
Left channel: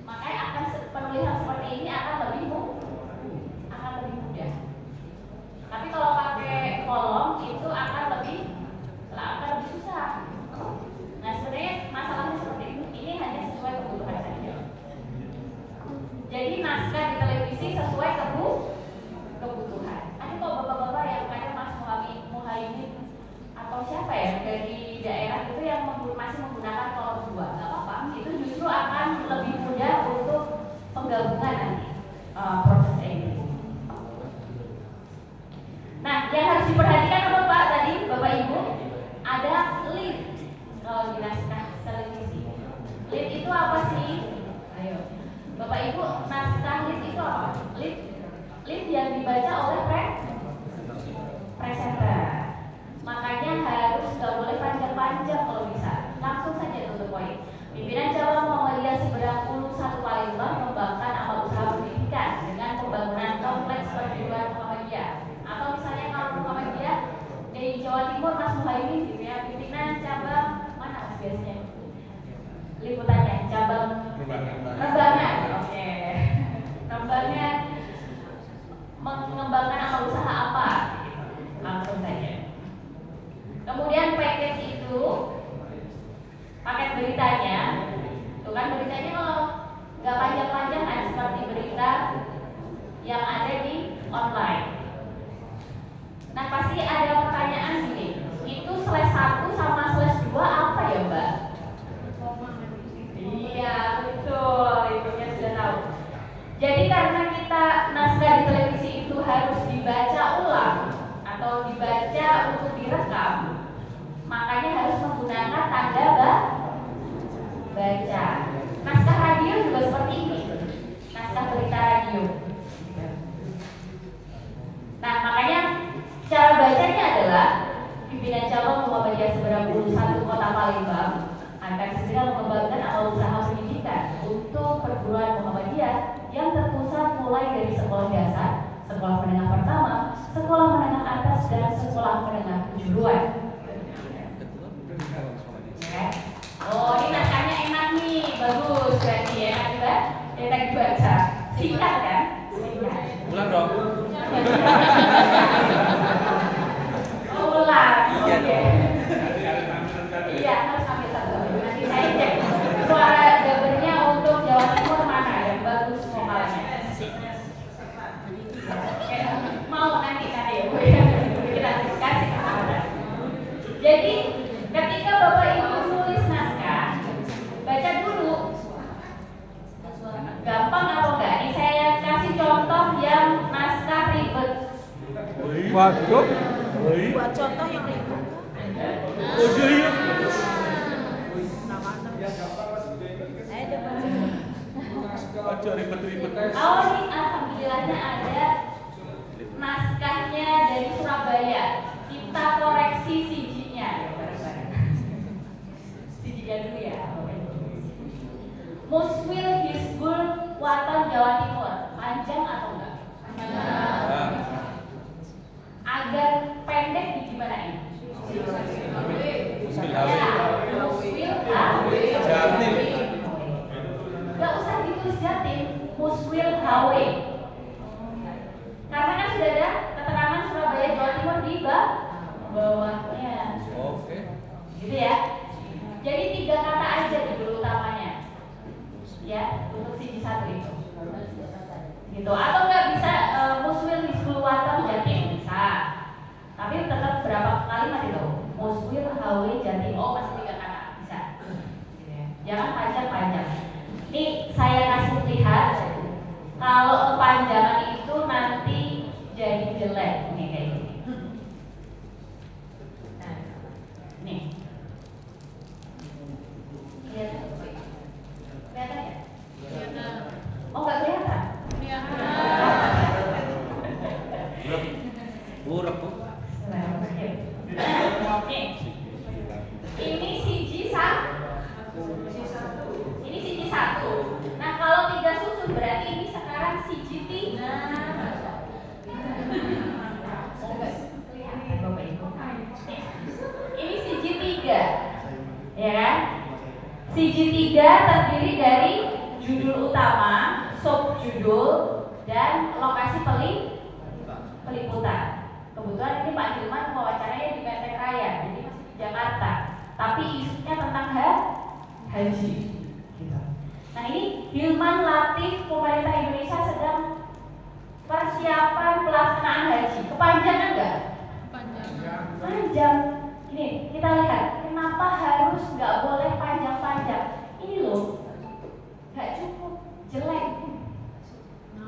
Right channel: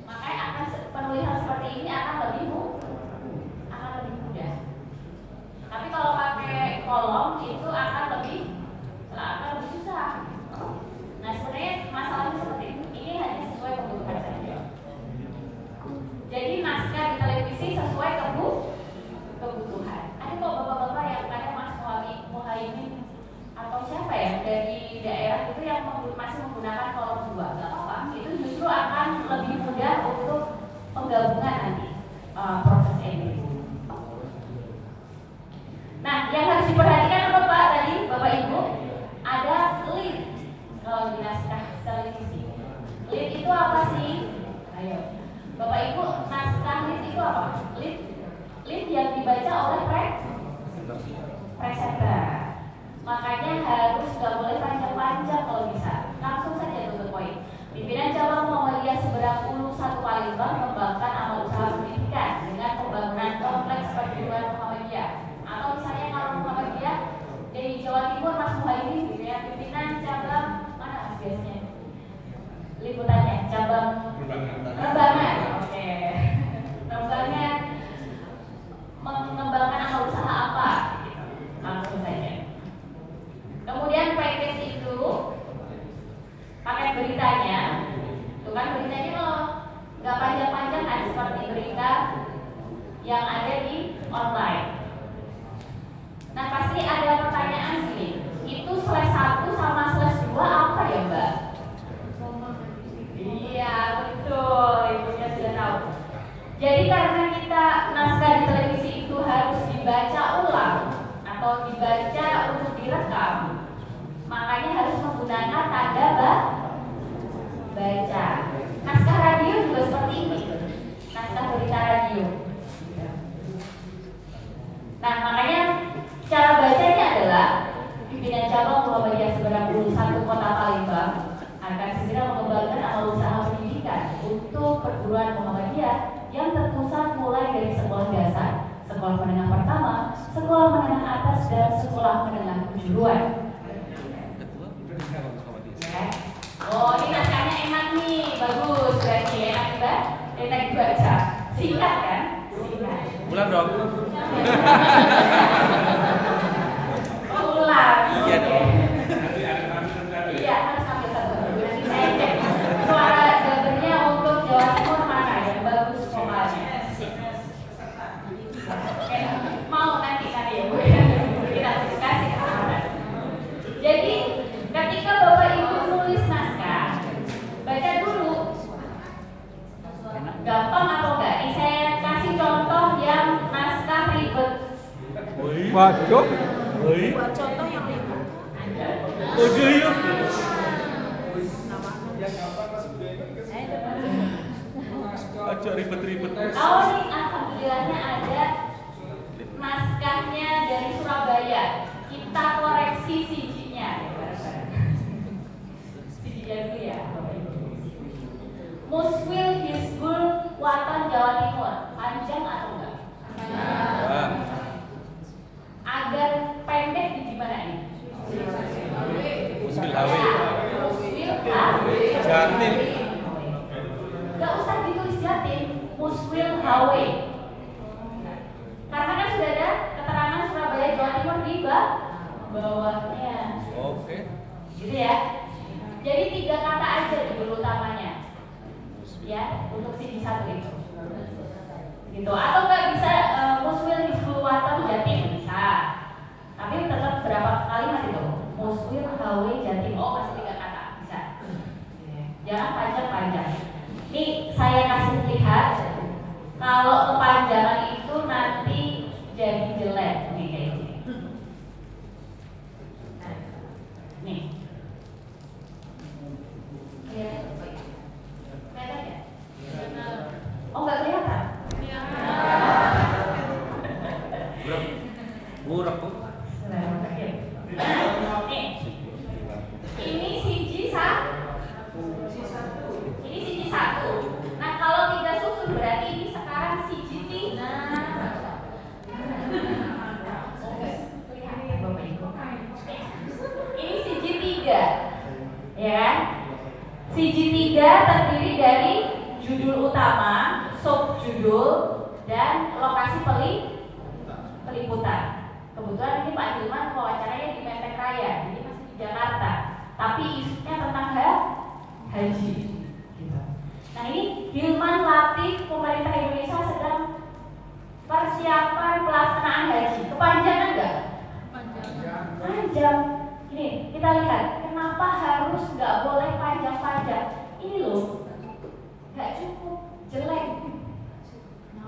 Makanya akan penulisan seperti ini akan lebih mudah. Tapi kalau pakai kolom itu akan lebih susah. Nah sebenarnya masalahnya seperti itu. Ini hanya sesuai kebutuhan saja. Jadi naskah di televisi sesuai kebutuhan. Ada kok bapak-bapak yang ada Mas Muhaimin atau siapa ya dari daerah itu yang masih menggunakan kolom 2, nggak apa-apa. Itu justru akan lebih mudah untuk penggabungan nanti proses ini. Nah, yang harus diperhatikan apa Pak tadi, Bapak Ibu? Ada lead kalau di naskah televisi. Lead itu apa sih? Ayo, Bapak Ibu, naskah lead itu apa? Lead yang dibaca oleh presenter. Makanya harus nggak boleh panjang-panjang kalau bisa. Langsung saja to the point. Pimpinan cabang Muhammadiyah Seberang Ulu 1 Palembang mengembangkan amal usaha pendidikan dengan pembangunan kompleks perguruan Muhammadiyah. Atau misalnya kalau Muhammadiyah di Jawa Timur Mas Muhaimin gitu ya, pimpinan cabang mana Mas biasanya? Liputannya cabang Rembangan. Oke. Rembangan mengembangkan amal usaha apa? Langsung saja. Kemudian package itu paket beritanya, itu kan beritanya kalau nggak panjang-panjang kan seperti berita yang ada di online. Nah pasti ada pertanyaan gini, itu slash 1 sama slash 2 apa ya Mbak? Iya betul, ibunya sudah tahu. Jadi karena kita naskah di televisi itu harus dibaca ulang atau dibaca untuk direkam, makanya harus menggunakan tanda baca. Naskah radio juga seperti ini, naskah berita radio. Nah makanya cara bacanya adalah pimpinan cabang Muhammadiyah Seberang Ulu 1 Kota Palembang akan segera mengembangkan amal usaha pendidikan untuk perguruan Muhammadiyah yang terpusat mulai dari sekolah dasar, sekolah menengah pertama, sekolah menengah atas, dan sekolah menengah kejuruan. Ya. Oh, ini naskahnya enak nih, bagus, berarti enak juga. Yang tadi baca, singkat kan? Singkat. Ulang dong. Waduh. Buat contoh yang itu. Oh, ini alhamdulillahnya ada naskahnya dari Surabaya. Kita koreksi CG-nya. CG-nya dulu ya. Muswil Hizbul Waton Jawa Timur. Panjang atau enggak? Agar pendek di gimana ini? Muswil Jatim. Gak usah ditulis Jatim, Muswil HW. Karena kan sudah ada keterangan Surabaya Jawa Timur di bawahnya. Oke. Gitu ya. Jadi 3 kata aja judul utamanya. Ya, untuk siji 1 itu. Gitu. Atau nggak bisa Muswil Hizbul Waton Jatim bisa. Tapi tetap berapa kalimat itu? Muswil HW Jatim. Oh, masih 3 kata bisa. Gitu ya. Jangan panjang-panjang. Nih saya kasih lihat. Kalau kepanjangan itu nanti jadi jelek nih kayak gini. Nih. Kelihatan ya? Oh nggak kelihatan? Murah kok. Nih. Ini siji ini siji 1. Nah kalau 3 susun berarti ini sekarang siji 3. Ini siji 3, ya kan? Siji 3 terdiri dari judul utama, subjudul, dan lokasi peliputan. Kebetulan ini Pak Hilman wawancaranya di Menteng Raya, jadi masih di Jakarta. Tapi isunya tentang haji. Nah ini Hilman Latif, pemerintah Indonesia sedang persiapan pelaksanaan haji. Kepanjangan nggak? Panjang. Ini kita lihat kenapa harus nggak boleh panjang-panjang. Ini loh, nggak cukup, jelek,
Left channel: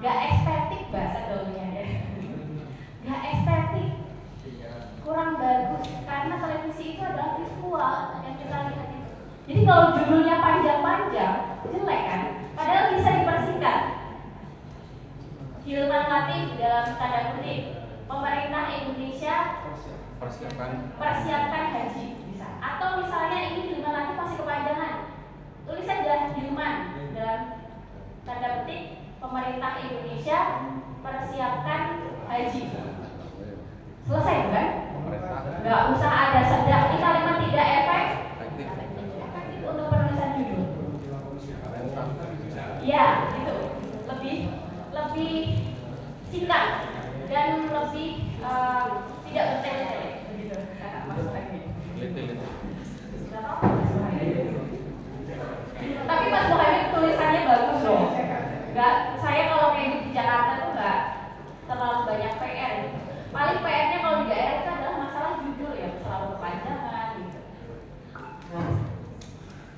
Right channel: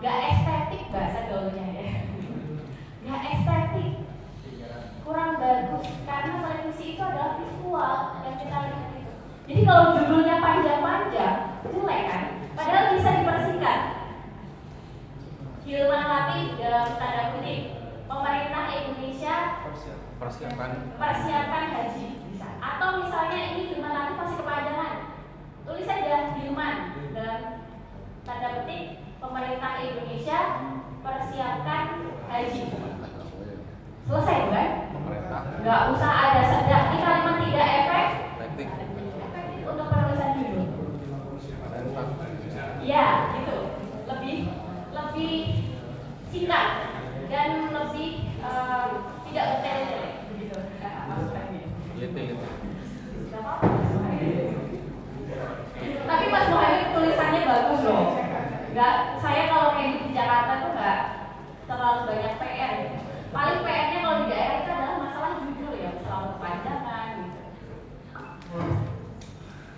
nggak estetik bahasa gaulnya ya. Nggak estetik, kurang bagus karena televisi itu adalah visual yang kita lihat itu. Jadi kalau judulnya panjang-panjang, jelek kan? Padahal bisa dipersingkat. Hilman Latif dalam tanda kutip, pemerintah Indonesia persiapkan haji bisa. Atau misalnya ini Hilman Latif masih kepanjangan, tulis saja Hilman dalam tanda kutip pemerintah Indonesia persiapkan haji. Selesai kan? Nggak usah ada sedang. Ini kalimat tidak efektif untuk penulisan judul. Ya, gitu. Lebih singkat dan lebih tidak bertele-tele begitu. Gitu. Tapi Mas Muhammad tulisannya bagus loh. Nggak, saya kalau kayak di Jakarta tuh nggak terlalu banyak PR. Paling PR-nya kalau di daerah itu adalah masalah judul ya, selalu kepanjangan gitu.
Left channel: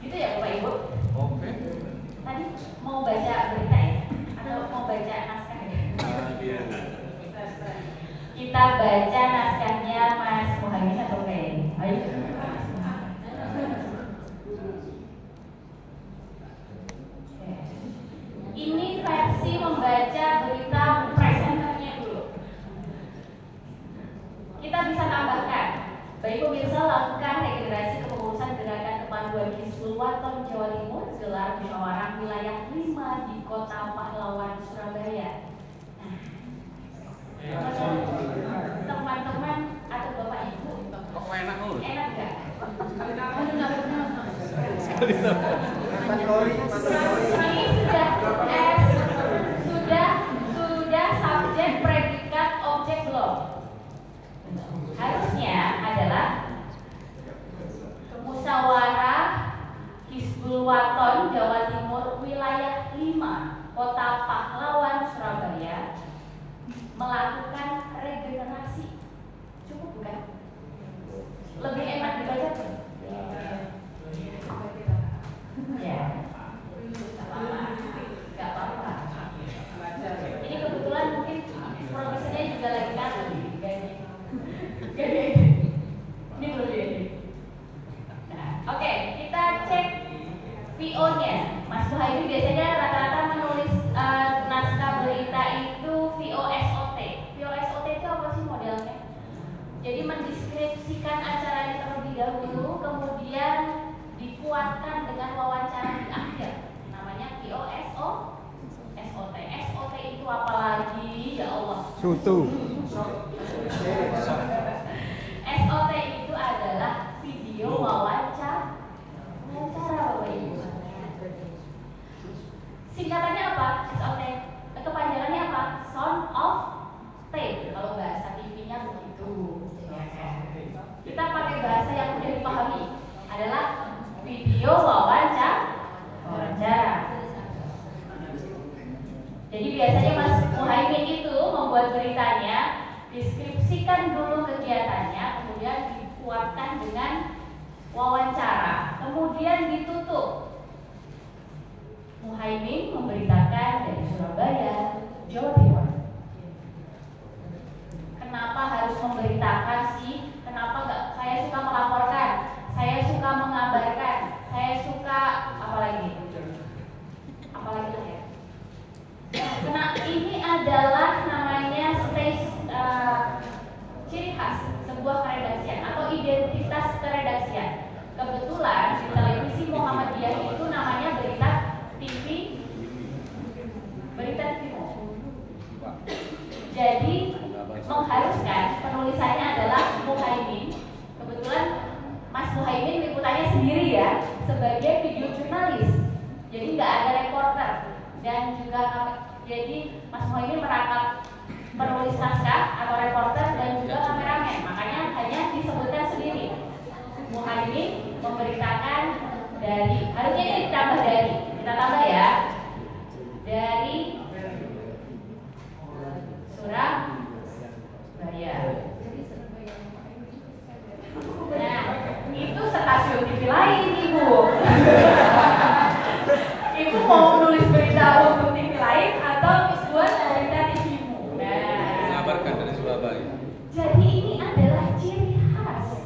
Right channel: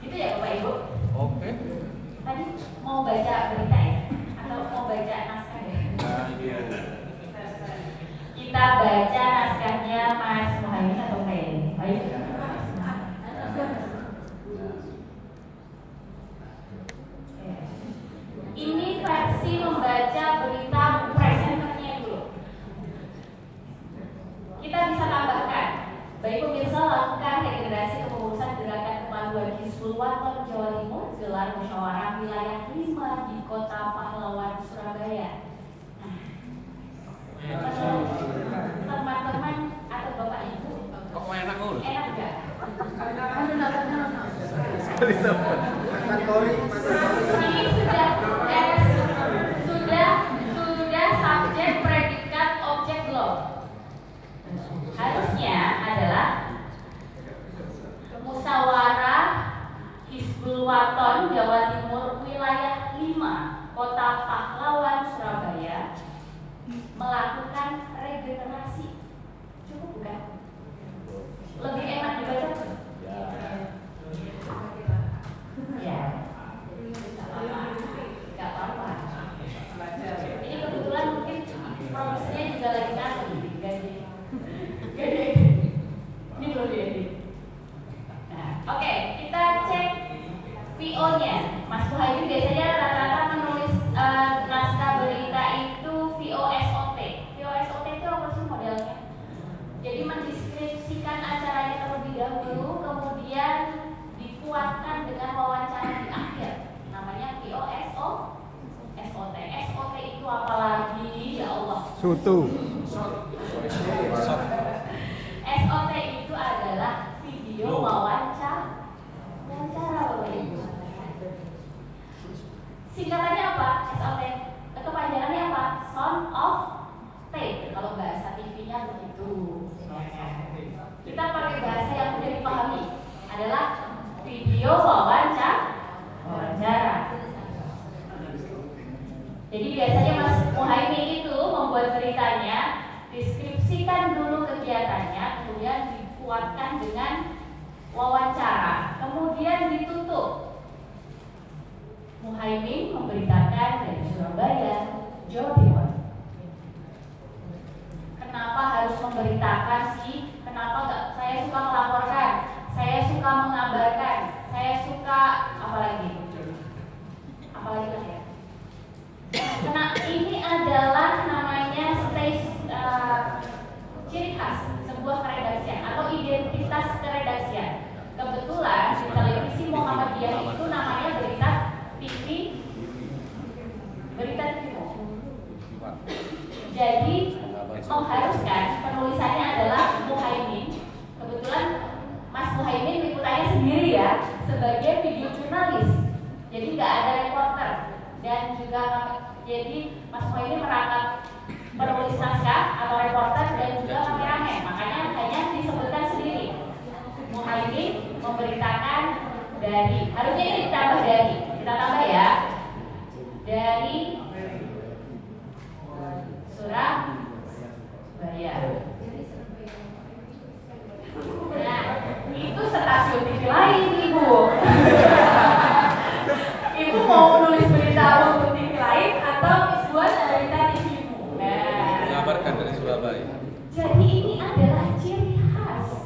Gitu ya Bapak Ibu? Oke. Tadi mau baca berita ya? Atau mau baca naskah ya? Kita baca naskahnya Mas Muhammad atau kayak ini? Ayo. Ini versi membaca berita presenternya dulu. Kita bisa tambahkan, baik pemirsa, langkah regenerasi kepengurusan gerakan kepanduan Hizbul Waton Jawa Timur gelar musyawarah wilayah 5 di Kota Pahlawan Surabaya. Teman-teman atau Bapak Ibu, Kok enak kok? enak nggak? Ini sudah subjek, predikat, objek belum? Harusnya adalah musyawarah Hizbul Waton Jawa Timur wilayah 5 Kota Pahlawan Surabaya melakukan regenerasi. Cukup bukan? Lebih enak dibaca? Ya. Tutu. SOT itu adalah video wawancara. Wawancara Bapak Ibu. Singkatannya apa? SOT. Kepanjangannya apa? Sound of tape. Kalau bahasa TV-nya begitu. Kita pakai bahasa yang mudah dipahami. Adalah video wawancara. Jadi biasanya Mas Muhaimin itu membuat beritanya, deskripsikan dulu kegiatannya, kemudian dikuatkan dengan wawancara, kemudian ditutup. Muhaimin memberitakan dari Surabaya, Jawa Timur. Kenapa harus memberitakan sih? Kenapa enggak? Saya suka melaporkan, saya suka mengabarkan, saya suka apalagi ya? Karena ini adalah namanya ciri khas sebuah keredaksian atau identitas keredaksian. Kebetulan di televisi Muhammadiyah itu namanya berita TV. Jadi mengharuskan penulisannya adalah Muhaimin. Kebetulan Mas Muhaimin liputannya sendiri ya, sebagai video jurnalis. Jadi nggak ada reporter. Dan juga jadi Mas Muhaimin merangkap penulis naskah atau reporter dan juga kameramen. Makanya hanya disebutkan sendiri. Muhaimin memberitakan dari, harusnya ini ditambah dari, kita tambah ya, dari Surabaya. Nah, itu stasiun TV lain, Ibu. Ibu mau nulis berita untuk TV lain atau buat berita TV-mu? Nah, mengabarkan dari Surabaya. Jadi ini adalah ciri khas.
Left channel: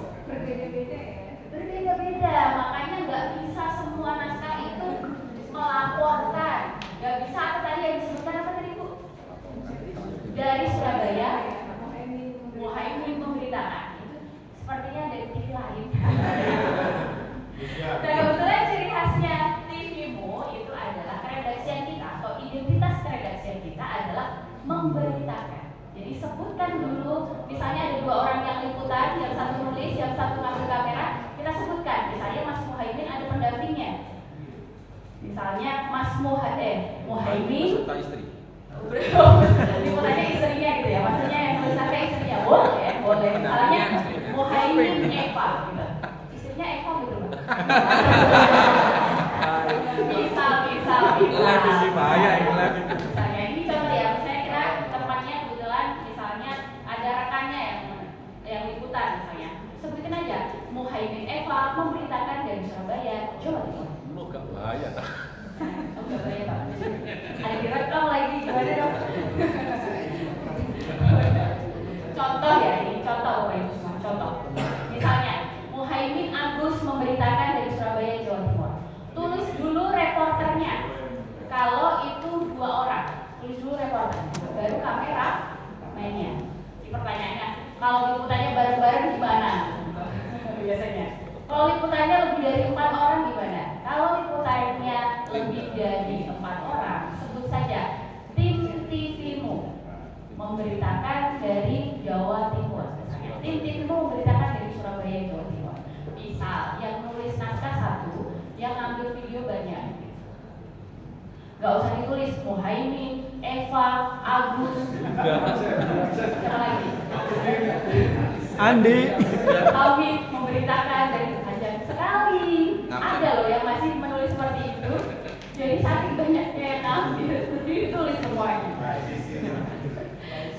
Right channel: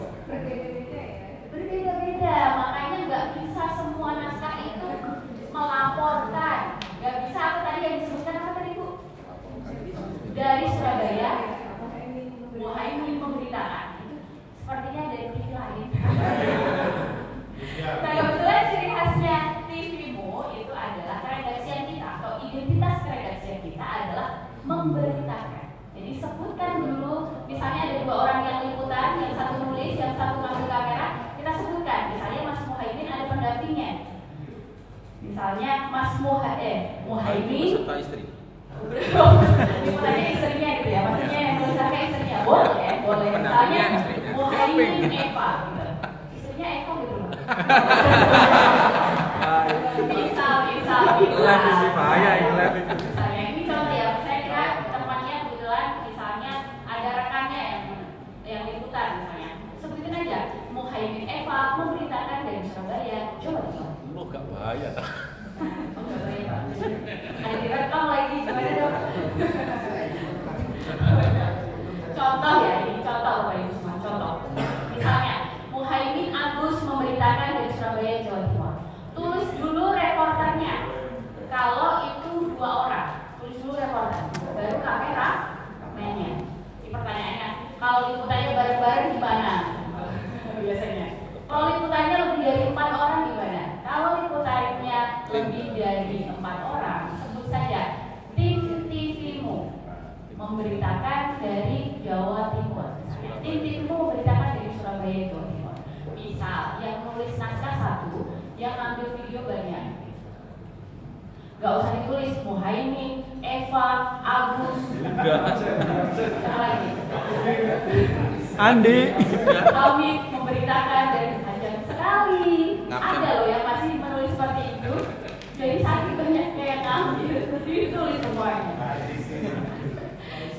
Berbeda-beda, makanya nggak bisa semua naskah itu melaporkan. Nggak bisa apa tadi yang disebutkan apa tadi Bu? Dari Surabaya, Muhaimin memberitakan. Itu sepertinya dari TV lain. Dan kebetulan ciri khasnya TV-mu itu adalah keredaksian kita atau identitas keredaksian kita adalah memberitakan. Jadi sebutkan dulu, misalnya ada dua orang yang liputan, yang satu nulis, yang satu ngambil kamera, kita sebutkan. Misalnya Mas Muhaimin ada pendampingnya. Misalnya Mas Muhaimin Serta istri. liputannya istrinya gitu ya, maksudnya yang tulisannya istrinya boleh. Misalnya Muhaimin Eva gitu. Istrinya Eva gitu. Bisa. Live ini bahaya ini live itu. Misalnya ini contoh ya, misalnya kita tempatnya kebetulan misalnya ada rekannya yang liputan misalnya, sebutin aja Muhaimin Eva memberitakan dari Surabaya, Jawa Timur. Lu gak bahaya. Ada direkam lagi gimana dong? Contoh ya, ini contoh Bapak Ibu semua, contoh. Misalnya Muhaimin Agus memberitakan dari Surabaya, Jawa Timur. Tulis dulu reporternya. Kalau itu dua orang, tulis dulu reporter, baru kamera mainnya. Di pertanyaannya, kalau liputannya bareng-bareng gimana? Biasanya. Kalau liputannya lebih dari 4 orang gimana? Kalau liputannya lebih dari 4 orang, sebut saja tim TV-mu memberitakan dari Jawa Timur. Tim TV-mu memberitakan dari Surabaya, Jawa Timur. Misal, yang nulis naskah satu, yang ambil video banyak. Gak usah ditulis Muhaimin, Eva, Agus. Siapa lagi? Andi. Kami memberitakan dari panjang sekali. Ada loh yang masih menulis seperti itu. Jadi saking banyaknya yang ambil, jadi ditulis semuanya.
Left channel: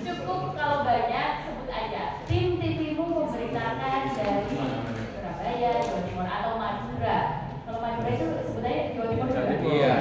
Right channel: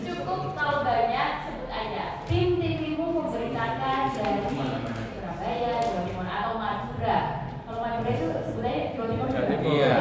Cukup kalau banyak sebut aja. Tim TV-mu memberitakan dari Surabaya, Jawa Timur atau Madura. Kalau Madura itu sebut aja Jawa Timur. Iya.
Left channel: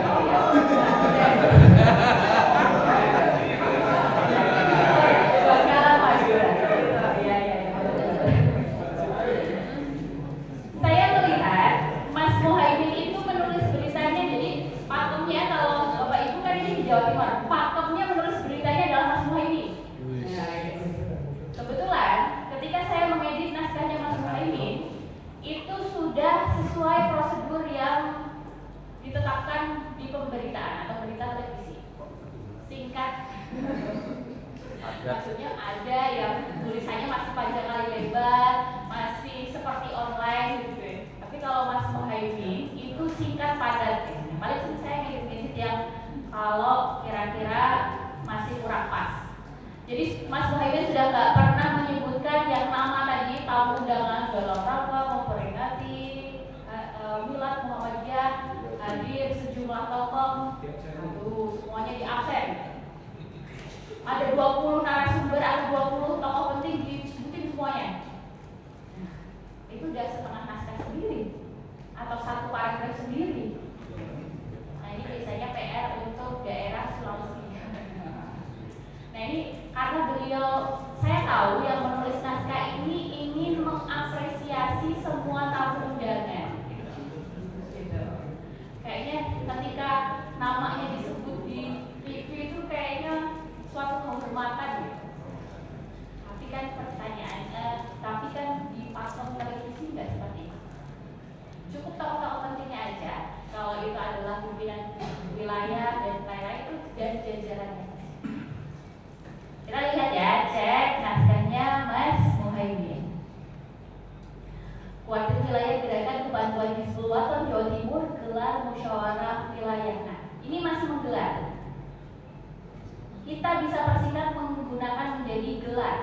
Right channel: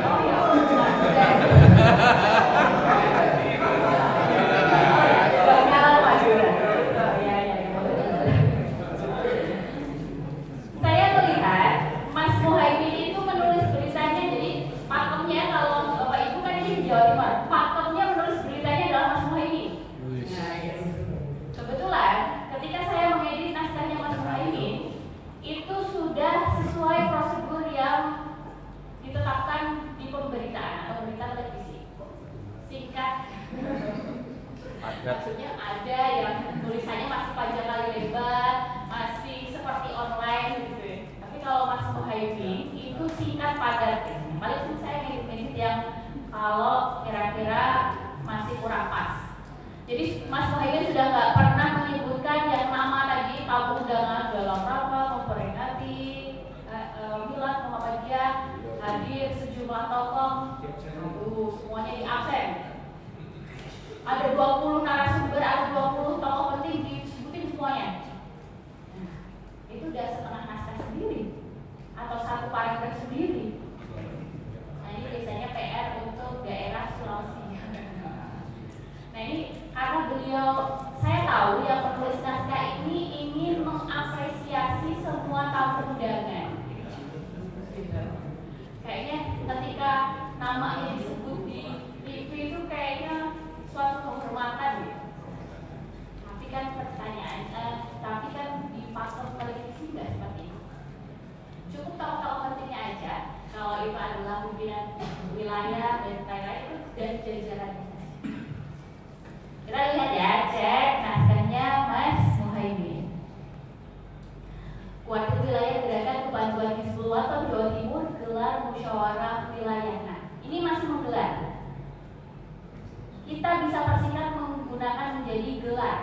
maksudnya ada yang tulisannya masih panjang kali lebar, masih seperti online gitu ya. Tapi kalau Mas Muhaimin itu singkat padat ya. Paling sih saya ngedit-ngedit yang kalau kira-kira masih kurang pas. Jadi Mas Muhaimin sudah nggak pernah menyebutkan yang nama tadi tamu undangan dalam rangka memperingati Milad Muhammadiyah hadir sejumlah tokoh. Semuanya di absen. Ada 20 narasumber, ada 20 tokoh penting disebutin semuanya. Itu udah setengah naskah sendiri atau satu paragraf sendiri. Nah ini biasanya PR untuk daerah Sulawesi. Nah ini karena beliau, saya tahu yang menulis naskah ini ingin mengapresiasi semua tamu undangan. Gitu. Kayaknya ketika namanya disebut di TV itu kayaknya suatu penghormatan gitu. Tapi kan pertanyaannya, tapi kan di platform televisi nggak seperti itu. Cukup tokoh-tokoh pentingnya aja. Kalau itu adalah pimpinan wilayah dan lain-lain dan jajarannya. Kita lihat ya, cek naskahnya Mas Muhaimin. Kuartir Wilayah Gerakan Kebantuan Hizbul Wathan Jawa Timur gelar musyawarah wilayah. Nah, ini masih menggelar. Kita bisa persingkat menggunakan menjadi gelar.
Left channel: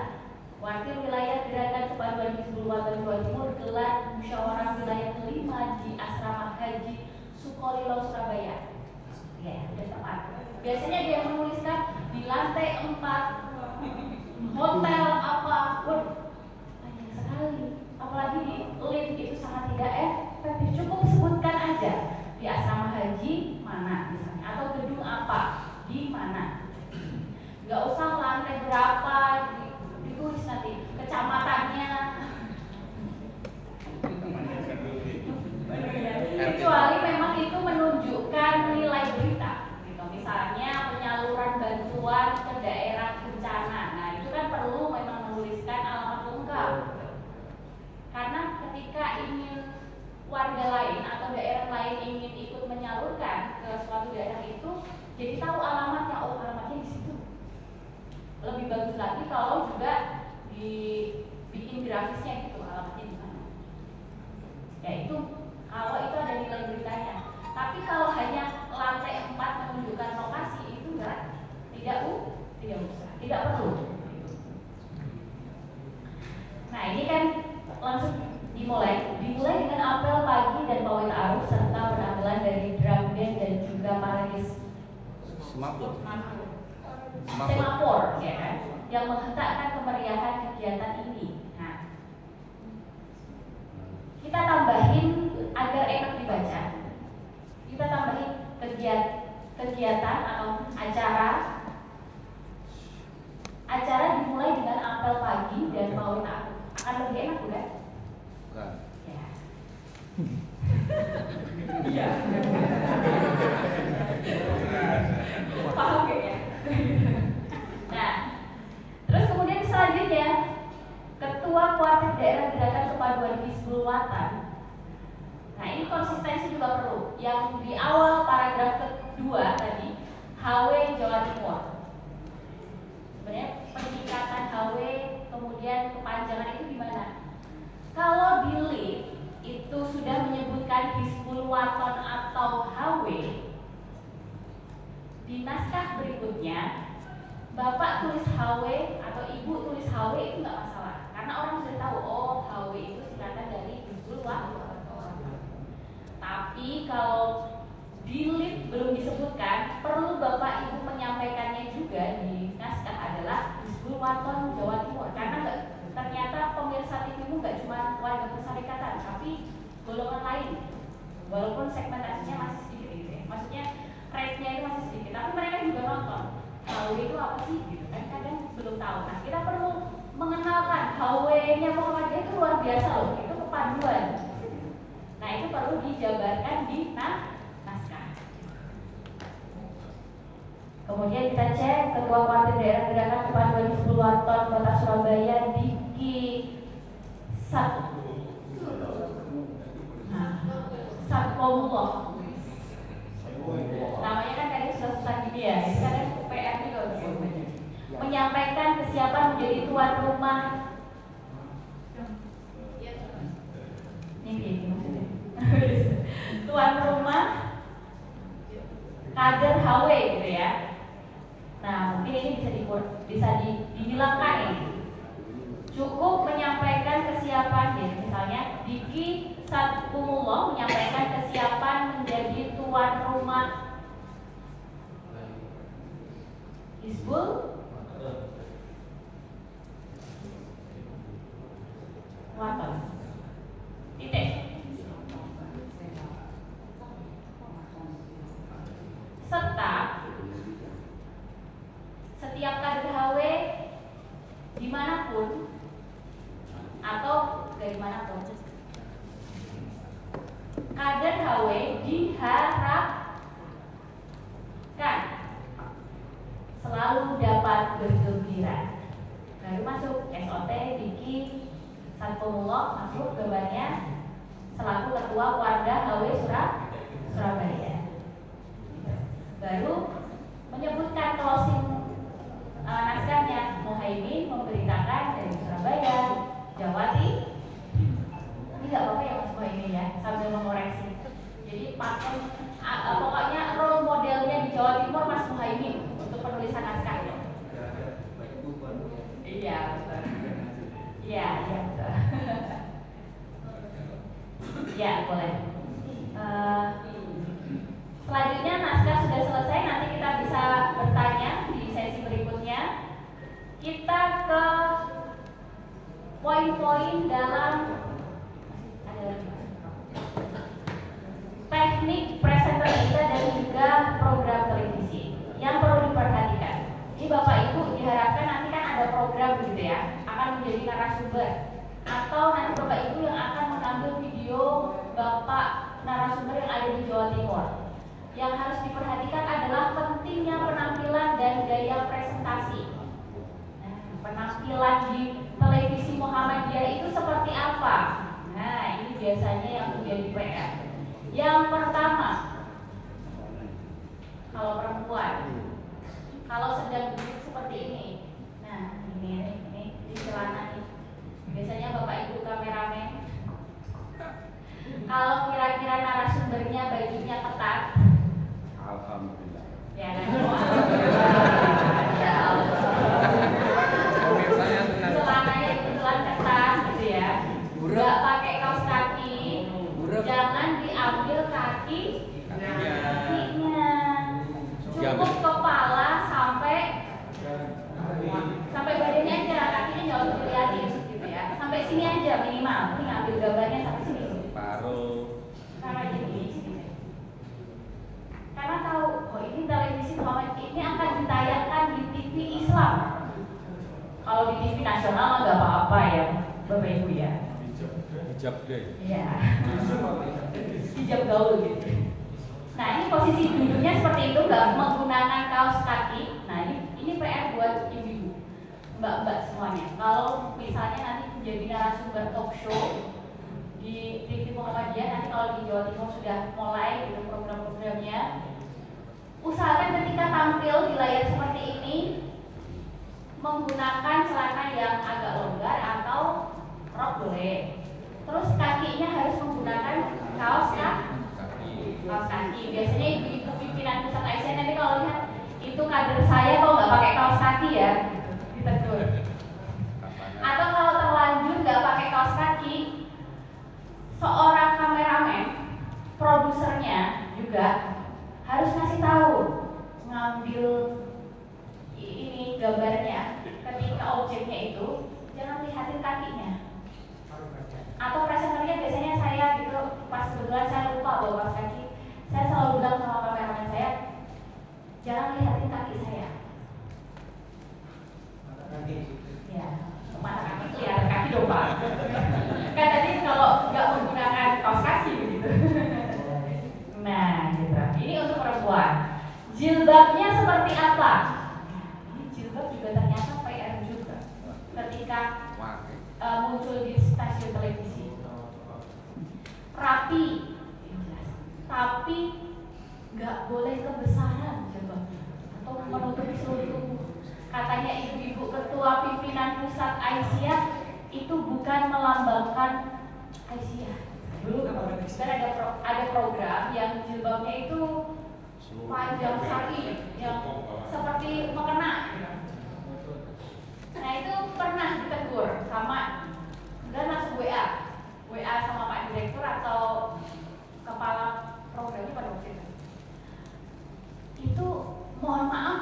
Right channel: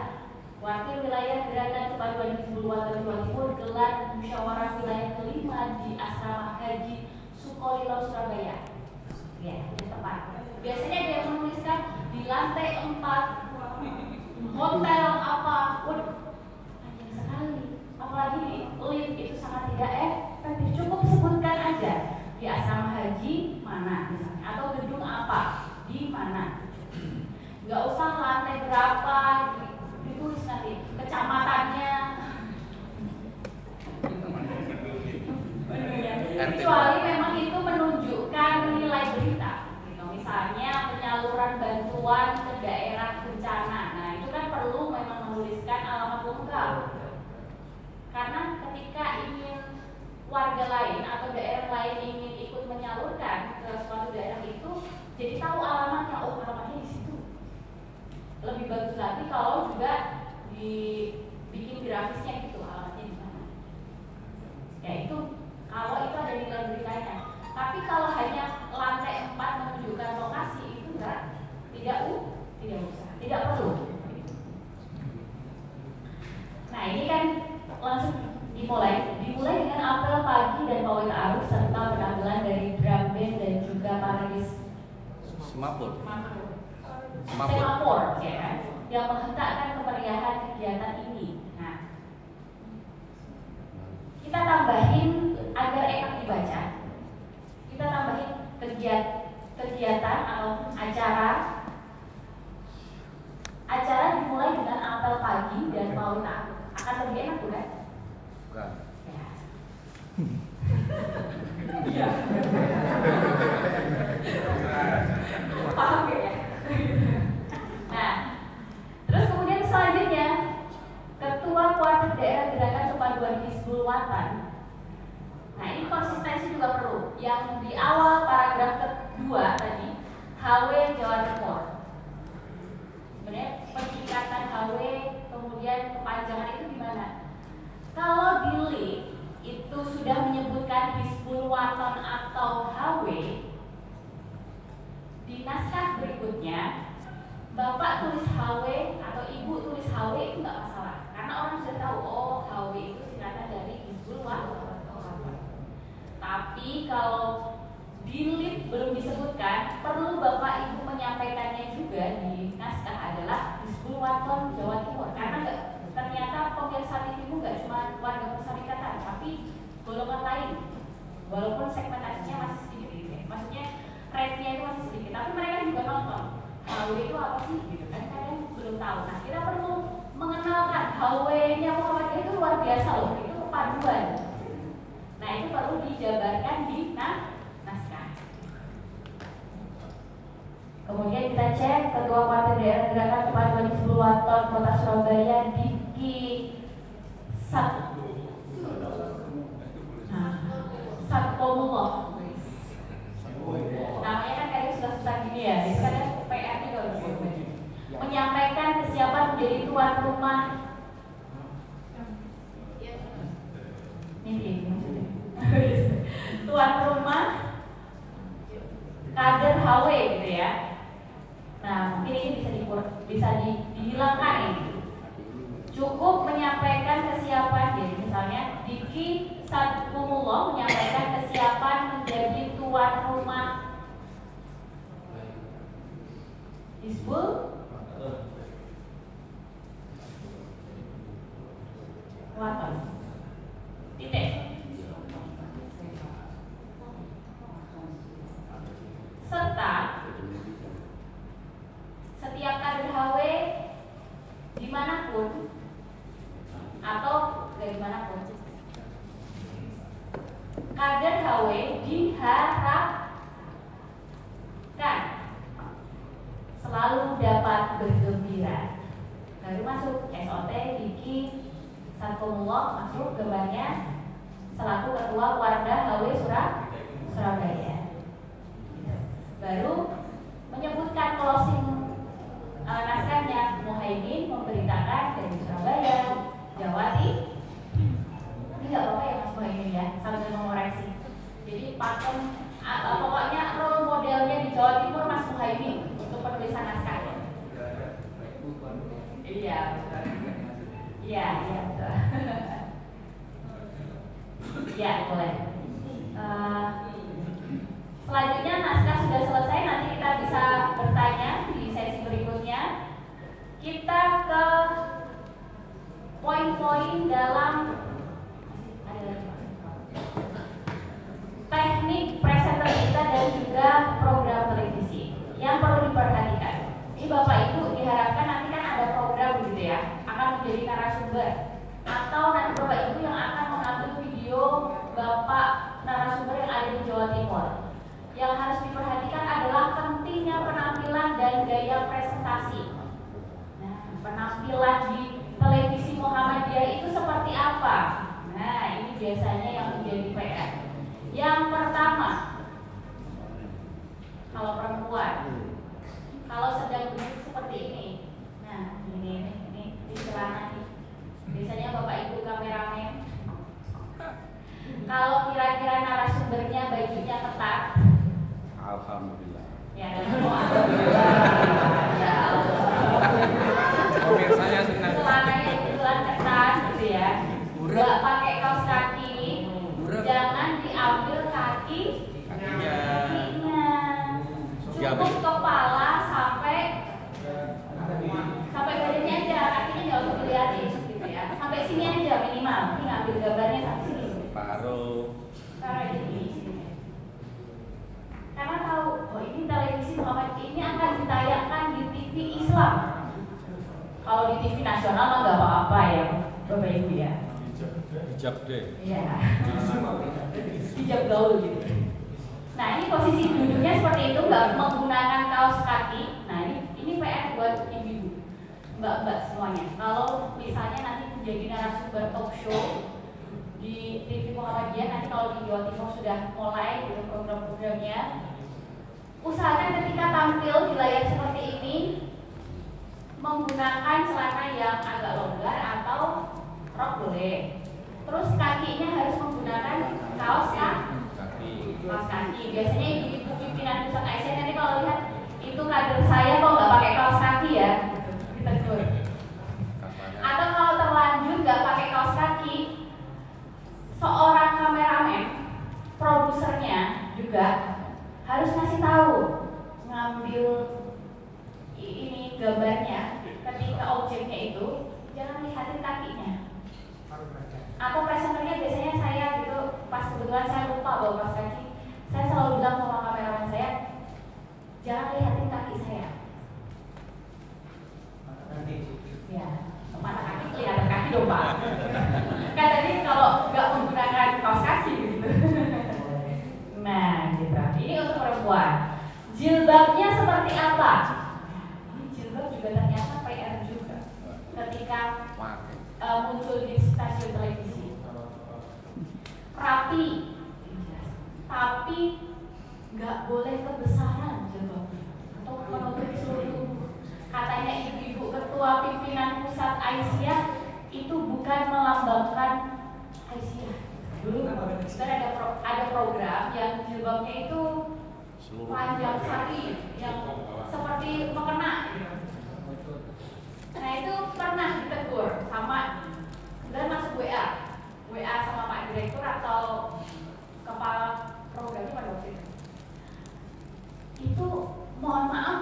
Kuartir Wilayah Gerakan Kebantuan Hizbul Wathan Jawa Timur gelar musyawarah wilayah kelima di Asrama Haji Sukolilo Surabaya. Ya, sudah tepat. Biasanya dia menuliskan di lantai 4 hotel apa, panjang sekali. Apalagi di link itu sangat tidak efektif. Cukup sebutkan aja di asrama haji mana misalnya, atau gedung apa di mana. Nggak usah lantai berapa, ditulis nanti kecamatannya. Kecuali memang itu menunjukkan nilai berita. Gitu. Misalnya penyaluran bantuan ke daerah bencana. Nah itu kan perlu memang menuliskan alamat lengkap. Karena ketika ingin warga lain atau daerah lain ingin ikut menyalurkan ke suatu daerah itu, jadi tahu alamatnya, oh alamatnya di situ. Lebih bagus lagi kalau juga dibikin grafisnya gitu, alamatnya di mana. Ya itu kalau itu ada nilai beritanya. Tapi kalau hanya lantai 4 menunjukkan lokasi itu tidak usah, tidak perlu. Nah ini kan langsung dimulai dengan apel pagi dan pawai ta'aruf serta penampilan dari drum band dan juga paradis Semapur, ya kan, yang menghentakkan kemeriahan kegiatan ini. Nah, kita tambahin agar enak dibaca. Kita tambahin kegiatan atau acara dimulai dengan apel pagi dan pawai ta'aruf. Akan lebih enak bukan? bukan. Ya. Iya. Paham gak ya? Nah, terus kemudian selanjutnya Ketua Kuartir Daerah Gerakan Kepaduan Hizbul Wathan. Nah ini konsistensi juga perlu. Yang di awal paragraf kedua tadi, HW Jawa Timur. Sebenarnya peningkatan HW kemudian kepanjangan itu di mana? Kalau di link itu sudah menyebutkan Hizbul Wathan atau HW, di naskah berikutnya Bapak tulis HW atau Ibu tulis HW itu nggak masalah, karena orang sudah tahu oh HW itu singkatan dari Hizbul Wathan. Tapi kalau di link belum disebutkan, perlu Bapak Ibu menyampaikannya juga di naskah adalah Hizbul Wathan Jawa Timur, karena ternyata pemirsa TV-mu nggak cuma warga persyarikatan, tapi golongan lain, walaupun segmentasinya masih sedikit gitu ya. Maksudnya rate-nya itu masih sedikit, tapi mereka juga nonton HW itu apa sih gitu kan, kadang belum tahu. Nah kita perlu mengenalkan HW-nya Muhammadiyah itu luar biasa loh, itu kepaduan. Nah itu perlu dijabarkan di naskah. Kemudian kita cek Ketua Kuartir Daerah Gerakan Kepaduan Hizbul Wathan Kota Surabaya Diki Satkomullah. Namanya kan kayak susah-susah gini ya, itu kan PR juga menyampaikan kesiapan rumah ini tuan rumah kader HW gitu ya. Nah mungkin ini bisa dihilangkan ini. Cukup menyampaikan kesiapan, jadi misalnya Diki Sadkumullah menyampaikan kesiapan menjadi tuan rumah Hizbul Waton. Titik. Serta setiap kader HW dimanapun atau dari manapun, kader HW diharapkan selalu dapat bergembira. Lalu masuk SOT Diki Sadkumullah, masuk gambarnya selaku ketua Wardah HW Surabaya. Baru menyebutkan closing naskahnya, Muhaimin memberitakan dari Surabaya, Jawa Timur. Ini nggak apa-apa ya Mas Muhaimin ya, sambil mengoreksi. Jadi pakai pokoknya role modelnya di Jawa Timur Mas Muhaimin untuk penulisan naskah. Iya, betul. Iya, betul. Iya, boleh. Selanjutnya naskah sudah selesai, nanti kita bisa bertanya di sesi berikutnya. Kita ke poin-poin dalam teknik presenter kita dan juga program televisi yang perlu diperhatikan. Ini Bapak Ibu diharapkan nanti kan ada program gitu ya, akan menjadi narasumber, atau nanti Bapak Ibu yang akan mengambil video Bapak narasumber yang ada di Jawa Timur. Yang harus diperhatikan adalah pentingnya penampilan dan gaya presentasi. Nah, penampilan di televisi Muhammadiyah itu seperti apa? Nah, ini biasanya yang menjadi PR. Yang pertama, kalau perempuan, kalau sedang duduk seperti ini, nah ini di celana nih. Biasanya Bapak Ibu kameramen, kalau kira-kira narasumbernya bajunya ketat, Alhamdulillah. ya dan alhamdulillah. Ya Saya senang. celananya kebetulan ketat gitu ya. Nggak pakai kaos kaki, jangan diambil kakinya. Cukup kepala sampai badannya aja, kakinya nggak usah dilihatin gitu ya. Sampai sini aja minimal. Ini ngambil gambarnya sampai sini. Paruh. Karena gini. Karena tahu, oh ini televisi Muhammad ini akan ditayangkan di TV Islam. Kalau di TV nasional nggak apa-apa ya, Bapak Ibu ya. Hijab deh. Iya. Hijab gaul gitu. Nah ini posisi duduknya seperti itu, nggak menggunakan kaos kaki. Nah ini PR buat ibu-ibu, mbak-mbak semuanya. Kalau misalnya nanti menjadi narasumber talk show di TV Muhammadiyah, nanti kalau di Jawa Timur sudah mulai gitu program-programnya, usahakan ketika tampil di layar seperti ini menggunakan celana yang agak longgar atau rok boleh. Terus kakinya harus menggunakan kaos kaki. Biasanya ibu-ibu pimpinan pusat Aisyah nanti kalau lihat itu kader saya kok nggak pakai kaos kaki ya, ditegur. Atau kalau terlanjur nggak pakai kaos kaki, seorang kameramen, produsernya juga harus ngasih tahu, ngambil ini gambarnya ketika objeknya itu jangan lihatin kakinya. Atau presenternya biasanya saya gitu, pas kebetulan saya lupa bawa kaos kaki, saya selalu bilang sama kameramen saya, jangan lihatin kaki saya. Ya, mata kaki kelihatan kaki dong Pak. Kan tadi kalau nggak menggunakan kaos kaki begitu. Nah, gitu. Ini untuk perempuan. Jilbabnya seperti apa? Ini jilbab juga ternyata PR juga. Ketika muncul di stasiun televisi, rapi, tapi nggak boleh kebesaran jilbabnya atau menutupi seluruh tubuh. Katanya ibu-ibu ketua pimpinan pusat Aisyah itu bukan melambangkan Aisyah. Dulu kita ada program yang jilbabnya itu panjang sekali, yang seperti mukena. Nah itu pernah ditegur sama, dan langsung WA sama Pak Direktur atau kepala programnya pada waktu itu. Mohon maaf,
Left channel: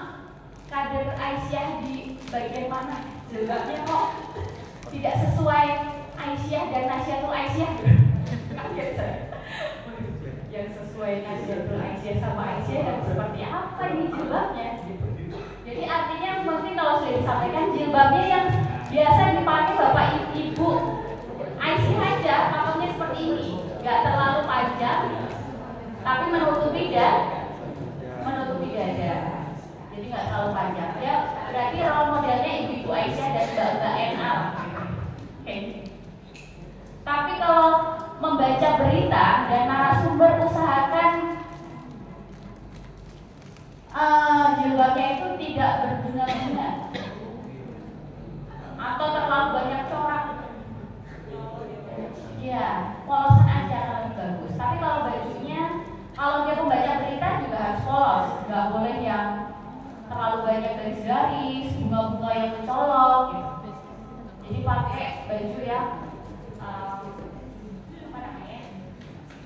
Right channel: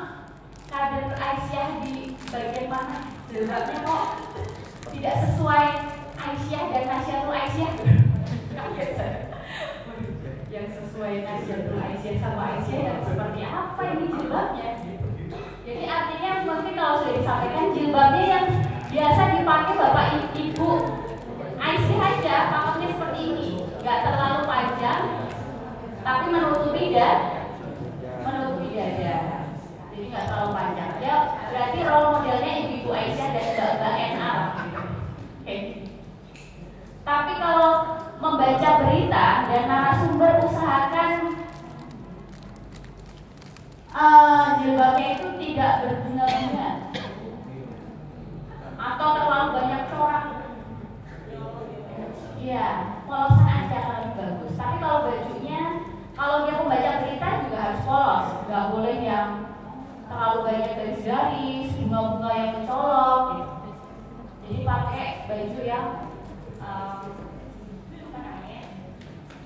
kader Aisyah di bagian mana? Jilbabnya kok tidak sesuai Aisyah dan Nasyatul Aisyah. Yang sesuai Nasyatul Aisyah sama Aisyah yang seperti apa ini jilbabnya? Jadi artinya mungkin kalau sudah disampaikan jilbabnya yang biasa dipakai bapak ibu Aisyah aja, pakainya seperti ini, nggak terlalu panjang, tapi menutupi dada, jadi nggak terlalu panjang. Ya berarti role modelnya ibu-ibu Aisyah dan mbak-mbak NA. Oke. Tapi kalau membaca berita dan narasumber usahakan jilbabnya itu tidak berbunga-bunga atau terlalu banyak corak. Ya, polosan aja akan lebih bagus. Tapi kalau bajunya, kalau dia pembaca berita juga harus polos, nggak boleh yang terlalu banyak garis-garis, bunga-bunga yang mencolok gitu. Jadi pakai baju yang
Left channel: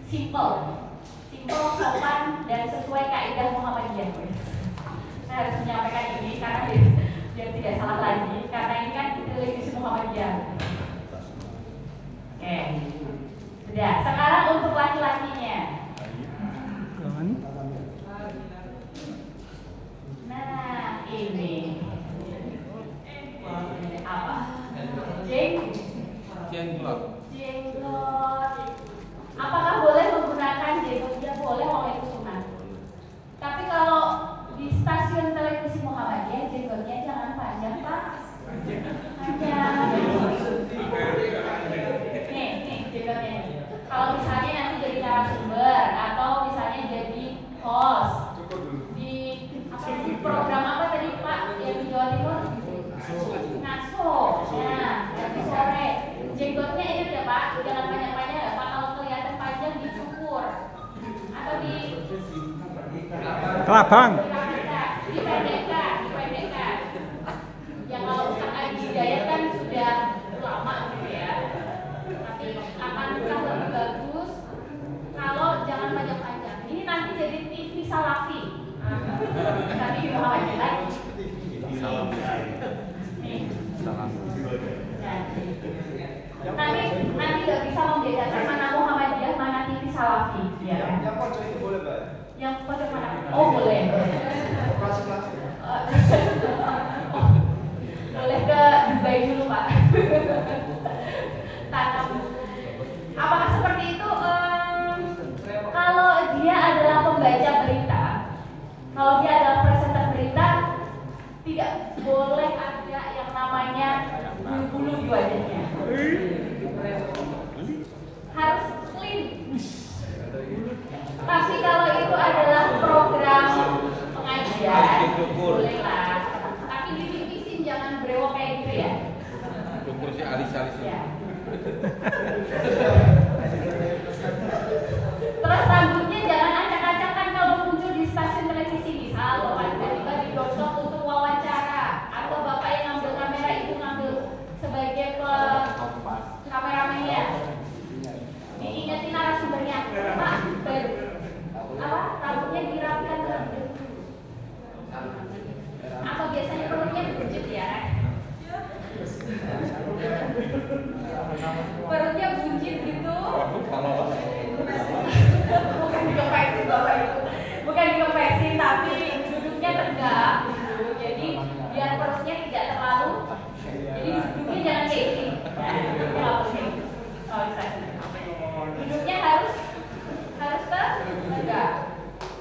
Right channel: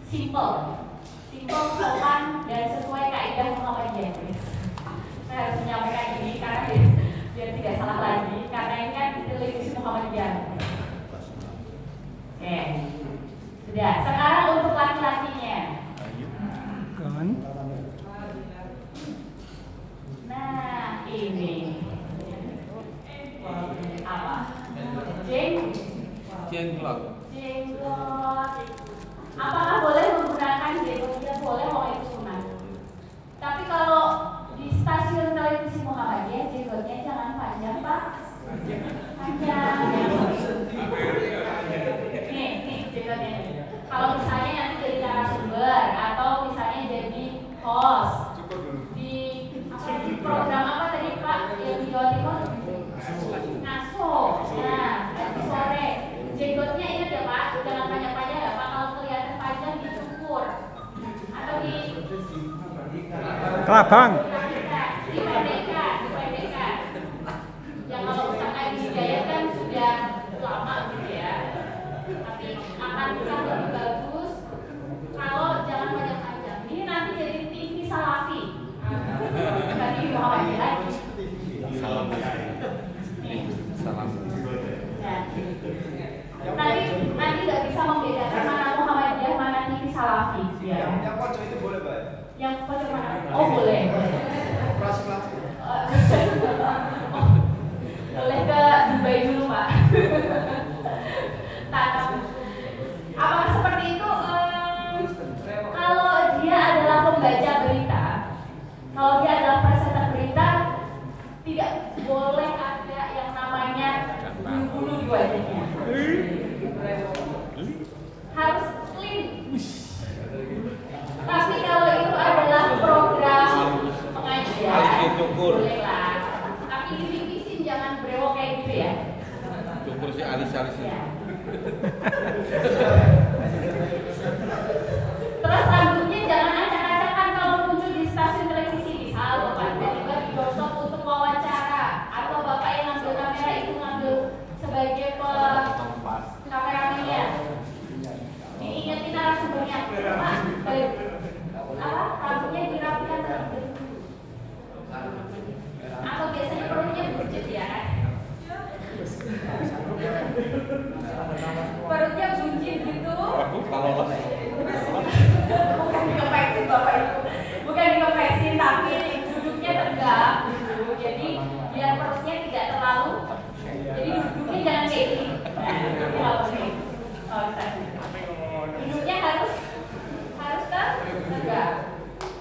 simple, sopan dan sesuai kaidah Muhammadiyah. Saya harus menyampaikan ini karena biar tidak salah lagi, karena ini kan televisi Muhammadiyah. Oke, sudah. Sekarang untuk laki-lakinya. Nah, ini apa? Jenggot. Apakah boleh menggunakan jenggot? Tidak boleh, kalau itu sunat. Tapi kalau di stasiun televisi Muhammadiyah, jenggotnya jangan panjang, Pak. Panjang. Nih jenggotnya. Kalau misalnya nanti jadi narasumber atau misalnya jadi host di program apa tadi Pak yang di Jawa Timur? Naso. Nah, nanti sore jenggotnya ini ya Pak, jangan panjang-panjang ya Pak. Kalau kelihatan panjang dicukur atau di Kelabang. Dipendekkan. Yang kalau misalkan di Hidayat kan sudah lama gitu ya. Tapi akan lebih bagus kalau jangan panjang-panjang. Ini nanti jadi TV Salafi. Tadi juga Alhamdulillah. Nanti nggak bisa membedakan mana Muhammadiyah, mana TV Salafi. Ya. Yang pojok itu boleh Pak? Yang pojok mana? Oh boleh. Boleh ke Dubai dulu Pak. Apakah seperti itu? Kalau dia adalah pembaca berita, kalau dia adalah presenter berita, tidak boleh ada yang namanya bulu-bulu di wajahnya. Harus clean. Tapi kalau itu adalah program pengajian, boleh lah. Tapi dipisin, jangan brewok kayak gitu ya. Cukur si alis-alis. Ya. Terus rambutnya jangan acak-acakan kalau muncul di stasiun televisi. Misal Bapak tiba-tiba digosok untuk wawancara, atau Bapak yang ngambil kamera itu ngambil sebagai kameramennya. Diingetin narasumbernya, Pak, rambutnya dirapikan terlebih. Atau biasanya perutnya buncit ya. Perutnya buncit gitu. Bukan dikepesin, tapi duduknya tegak gitu. Jadi biar perutnya tidak terlalu. Jadi duduknya jangan kayak gini. Duduknya harus tegak.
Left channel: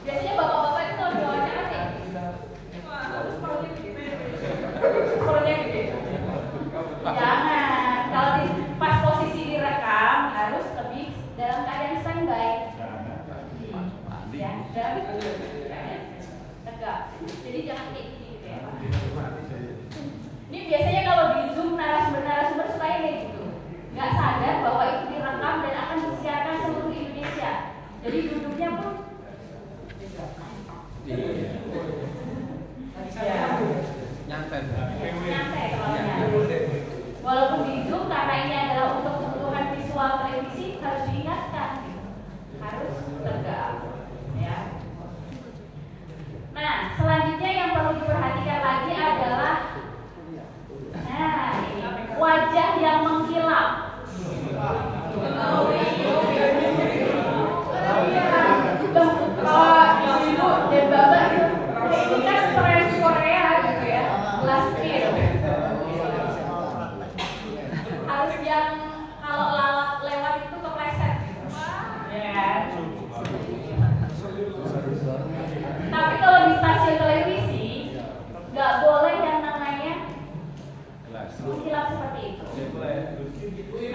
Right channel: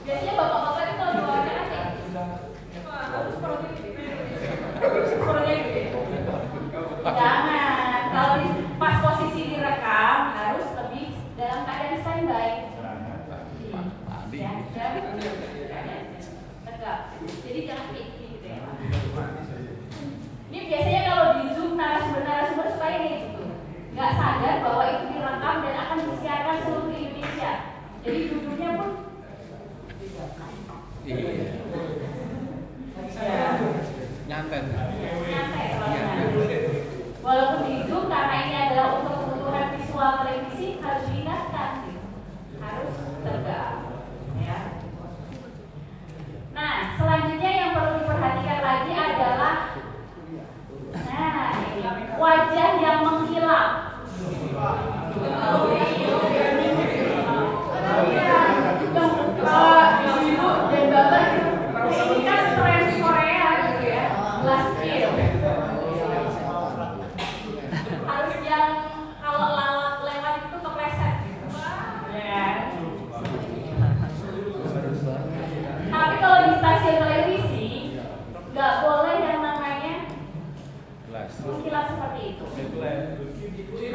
Biasanya bapak-bapak itu kalau diwawancara kayak harus perutnya gede. Jangan. Kalau pas posisi direkam harus lebih dalam keadaan standby. Ya, dan tegak. Jadi jangan parkir. Harus yang kalau lewat itu kepleset. Ya. Tapi kalau di stasiun televisi nggak boleh yang namanya mengkilap seperti itu.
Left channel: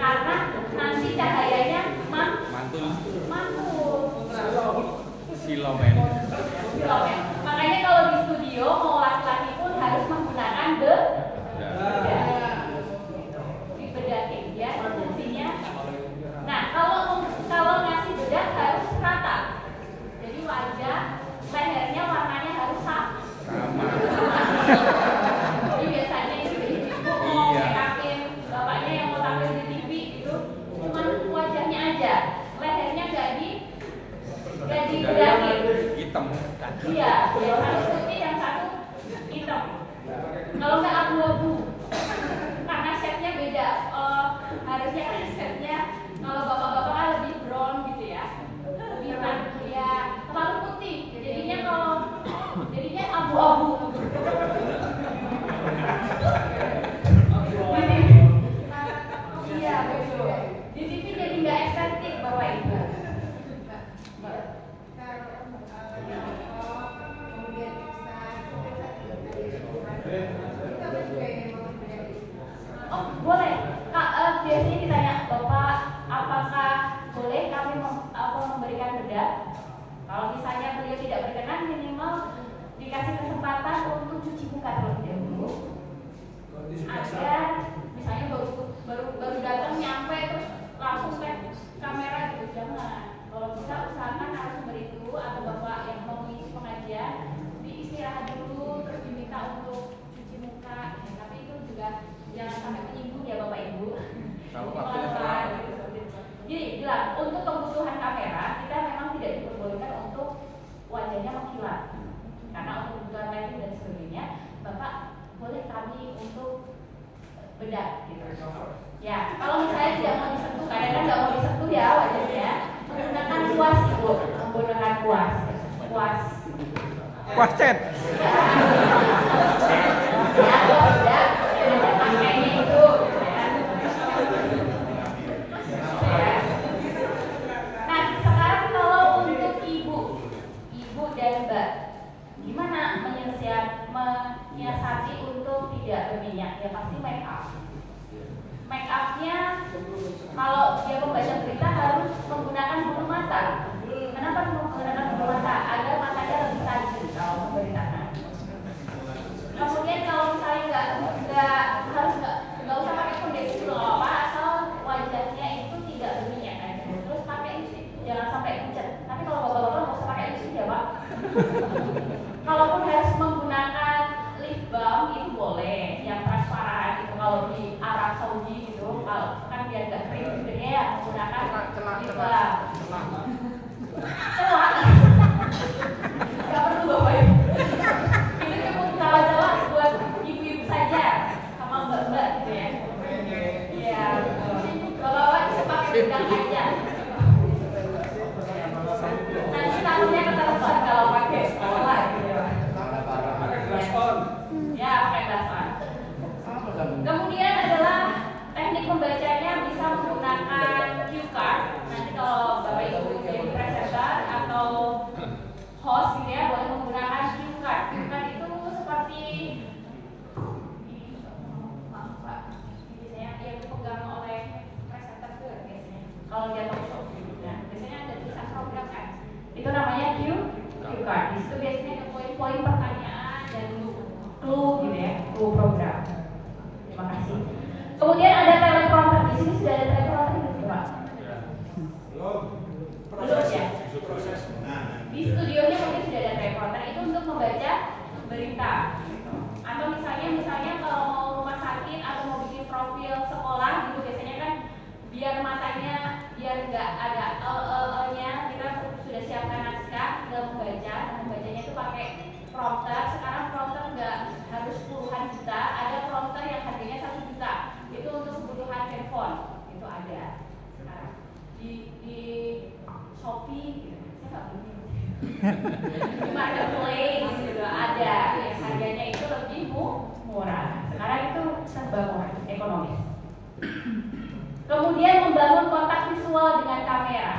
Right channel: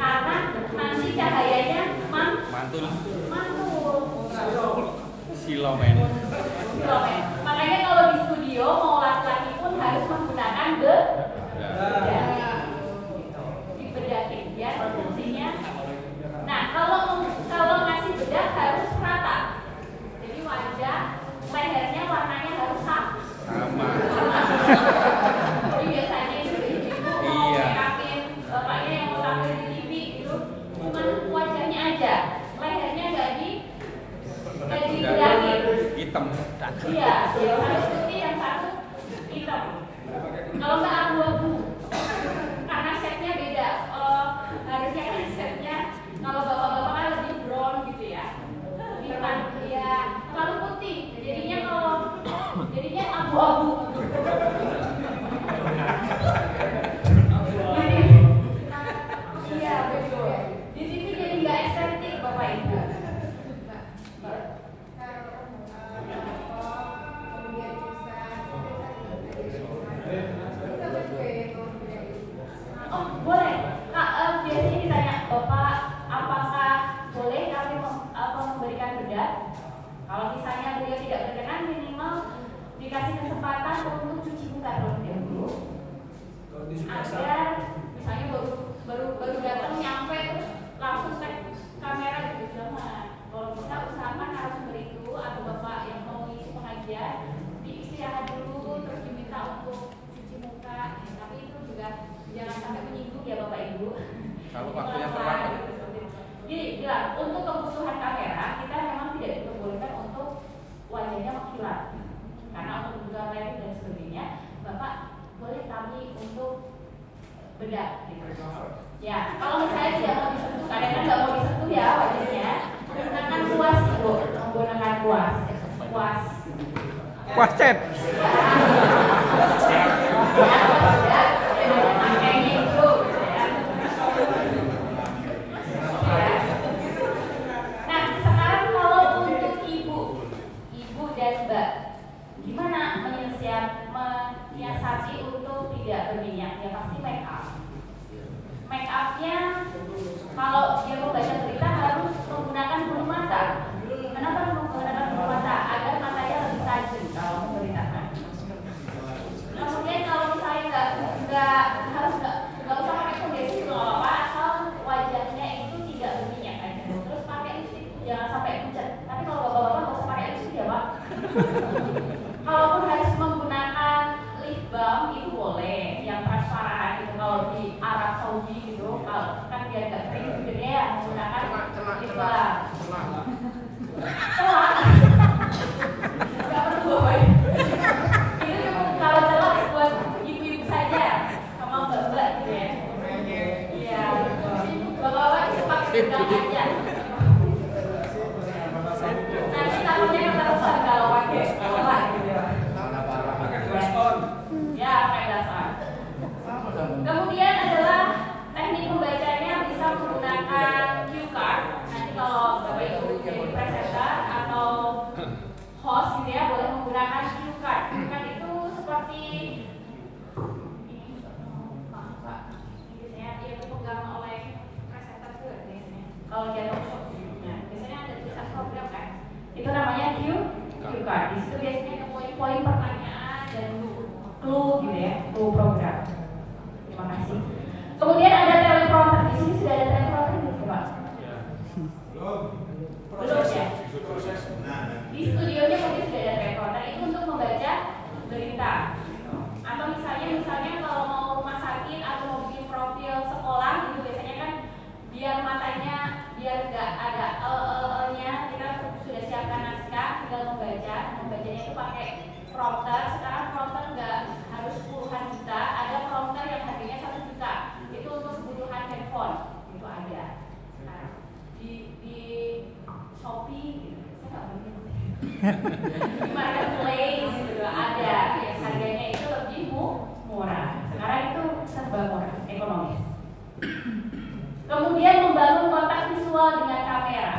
Karena nanti cahayanya mantul. Silomen. Makanya kalau di studio mau laki-laki pun harus menggunakan bedak. Dibedakin ya fungsinya. Nah kalau ngasih bedak harus rata. Jadi wajah lehernya warnanya harus sama. Jadi biasanya itu ibu mau make upin bapaknya yang mau tampil di TV itu cuma wajahnya aja, lehernya nggak dibedakin. Hitam. Iya, yang satu putih, yang satu hitam. Kalau nggak abu-abu, karena setnya beda. Harusnya kan setnya kalau bapak-bapak kan lebih brown gitu ya, lebih ya terlalu putih. Jadinya abu-abu. Iya betul. Di sini jadi nggak estetik bapak ibu. Oh boleh. Biasanya ditanya bapak, apakah boleh kami memberikan bedak? Kalau misalnya beliau tidak berkenan, minimal dikasih kesempatan untuk cuci muka terlebih dahulu. Agar misalnya baru datang nyampe terus langsung tag kamera gitu, jangan. Kalau bisa usahakan narasumber itu atau bapak yang mau mengisi pengajian diistirahat dulu terus diminta untuk cuci muka. Ya, tapi itu juga jangan sampai menyinggung ya bapak ibu. Jadi bilang untuk kebutuhan kamera kita memang tidak diperbolehkan untuk wajahnya mengkilap. Karena untuk kebutuhan lighting dan sebagainya, bapak boleh kami untuk bedak gitu. Ya, kalau misalnya tidak mau disentuh, karena kan nggak mau disentuh ya wajahnya, menggunakan kuas ibu, menggunakan kuas. Kuas cat. Nah, sekarang kalau untuk ibu dan mbak, gimana menyiasati untuk tidak berminyak? Ya pasti make up. Make upnya kalau dia membaca berita harus menggunakan bulu mata. Kenapa menggunakan bulu mata? Agar matanya lebih tajam kalau memberitakan. Kemudian kalau misalnya nggak usah pakai foundation loh, asal wajahnya itu tidak berminyak kan. Terus pakai lipstick, jangan sampai pucat. Tapi kalau bapak-bapak nggak usah pakai lipstick ya pak. Kalaupun harus menggunakan lip balm itu boleh, yang transparan gitu. Kalau di Arab Saudi gitu, kalau kan biar nggak kering gitu ya, menggunakan lip balm. Celak. Nggak perlu bapak. Itu cuma kalau celak buat ibu-ibu saja, sama mbak-mbak gitu ya. Iya. Bapak-bapak bisa pakai bedaknya aja. Nanti tamunya keterusan kalau pakai celak gitu ya. Ya, pakai dasar. Kemudian adalah teknik pembacanya bisa menggunakan cue card. Nanti kalau bapak ibu jadi presenter atau host gitu ya, boleh menggunakan cue card. Cue card itu seperti ini, maaf pak, biasanya yang dipegang oleh presenter itu biasanya. Kalau dia talkshow, ya, biasanya ada tulisan program kan. Itu namanya cue card. Di situ biasanya ada poin-poin pertanyaan dan clue gitu ya, clue program. Terima kasih. Kemudian ada teleprompter. Di sini sudah ada teleprompter belum sih pak? Belum ya. Di studionya mungkin sudah ada teleprompter. Itu untuk membaca berita. Atau misalnya kalau mau rumah sakit atau mau bikin profil sekolah gitu biasanya kan biar matanya biar nggak ada nya kita sudah siapkan naskah, tinggal membaca. Membacanya itu pakai prompter. Sekarang prompter nggak harus puluhan juta, ada prompter yang harganya 1 juta. Itu untuk kebutuhan handphone, itu ada sekarang di Shopee gitu. Saya nggak beli di marketplace gitu ada, ya, harganya itu lebih murah. ngobrol dengan kamera,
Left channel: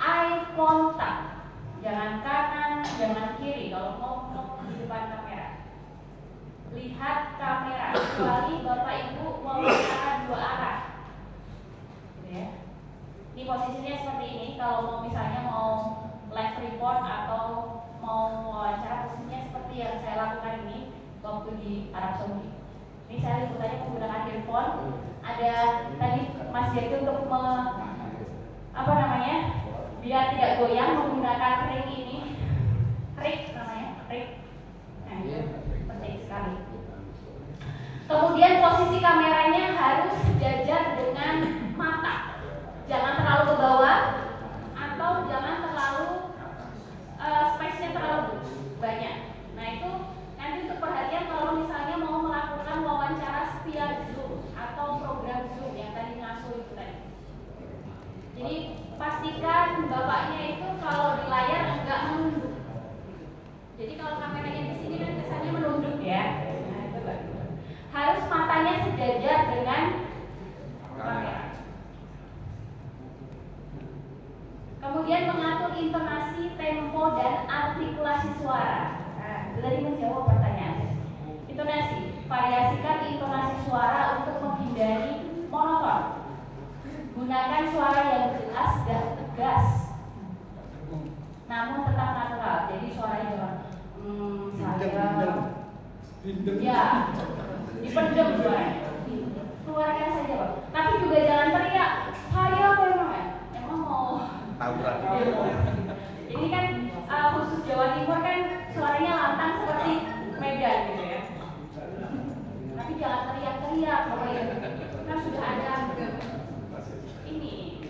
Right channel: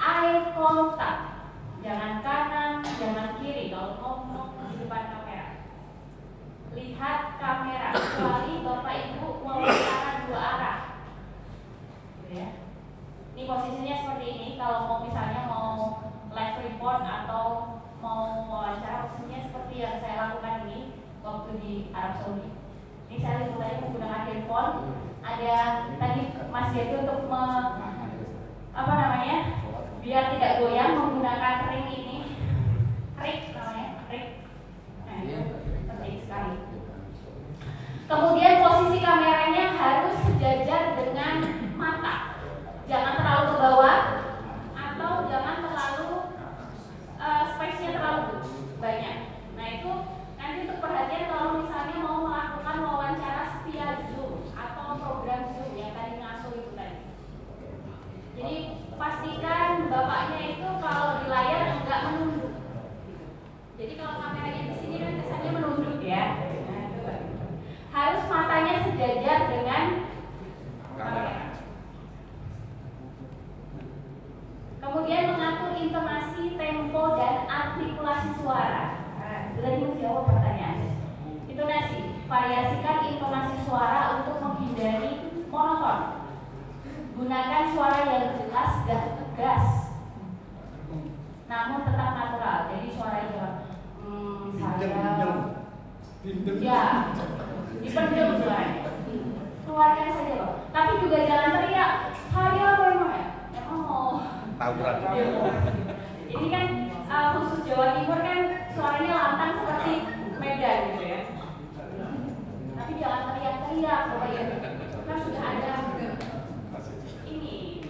eye contact, jangan kanan, jangan kiri kalau ngomong di depan kamera. Lihat kamera, kecuali Bapak Ibu mau bicara dua arah, gitu ya. Ini posisinya seperti ini. Kalau mau misalnya mau live report atau mau wawancara, posisinya seperti yang saya lakukan ini waktu di Arab Saudi. Ini saya liputannya menggunakan earphone. Ada tadi Mas Jati untuk biar tidak goyang menggunakan ring ini, ring namanya, ring. Nah, itu penting sekali. Kemudian posisi kameranya harus sejajar dengan mata, jangan terlalu ke bawah atau jangan terlalu space-nya terlalu banyak. Nah itu nanti untuk perhatian kalau misalnya mau melakukan wawancara via Zoom atau program Zoom yang tadi ngasuh itu tadi. Jadi pastikan bapaknya itu kalau di layar enggak menunduk. Jadi kalau kameranya di sini kan kesannya menunduk ya. Nah itu harus matanya sejajar dengan kamera. Kemudian mengatur intonasi, tempo, dan artikulasi suara. Nah, itu tadi menjawab pertanyaannya. Intonasi, variasikan intonasi suara untuk menghindari monoton. Gunakan suara yang jelas dan tegas, namun tetap natural. Jadi suaranya ya, dipendam suaranya. Keluarkan saja, Pak. Tapi juga jangan teriak. Saya memang mau. Ini kan khusus Jawa Timur kan suaranya lantang seperti Medan gitu ya. Tapi jangan teriak-teriak, Bapak Ibu. Kan sudah ada ini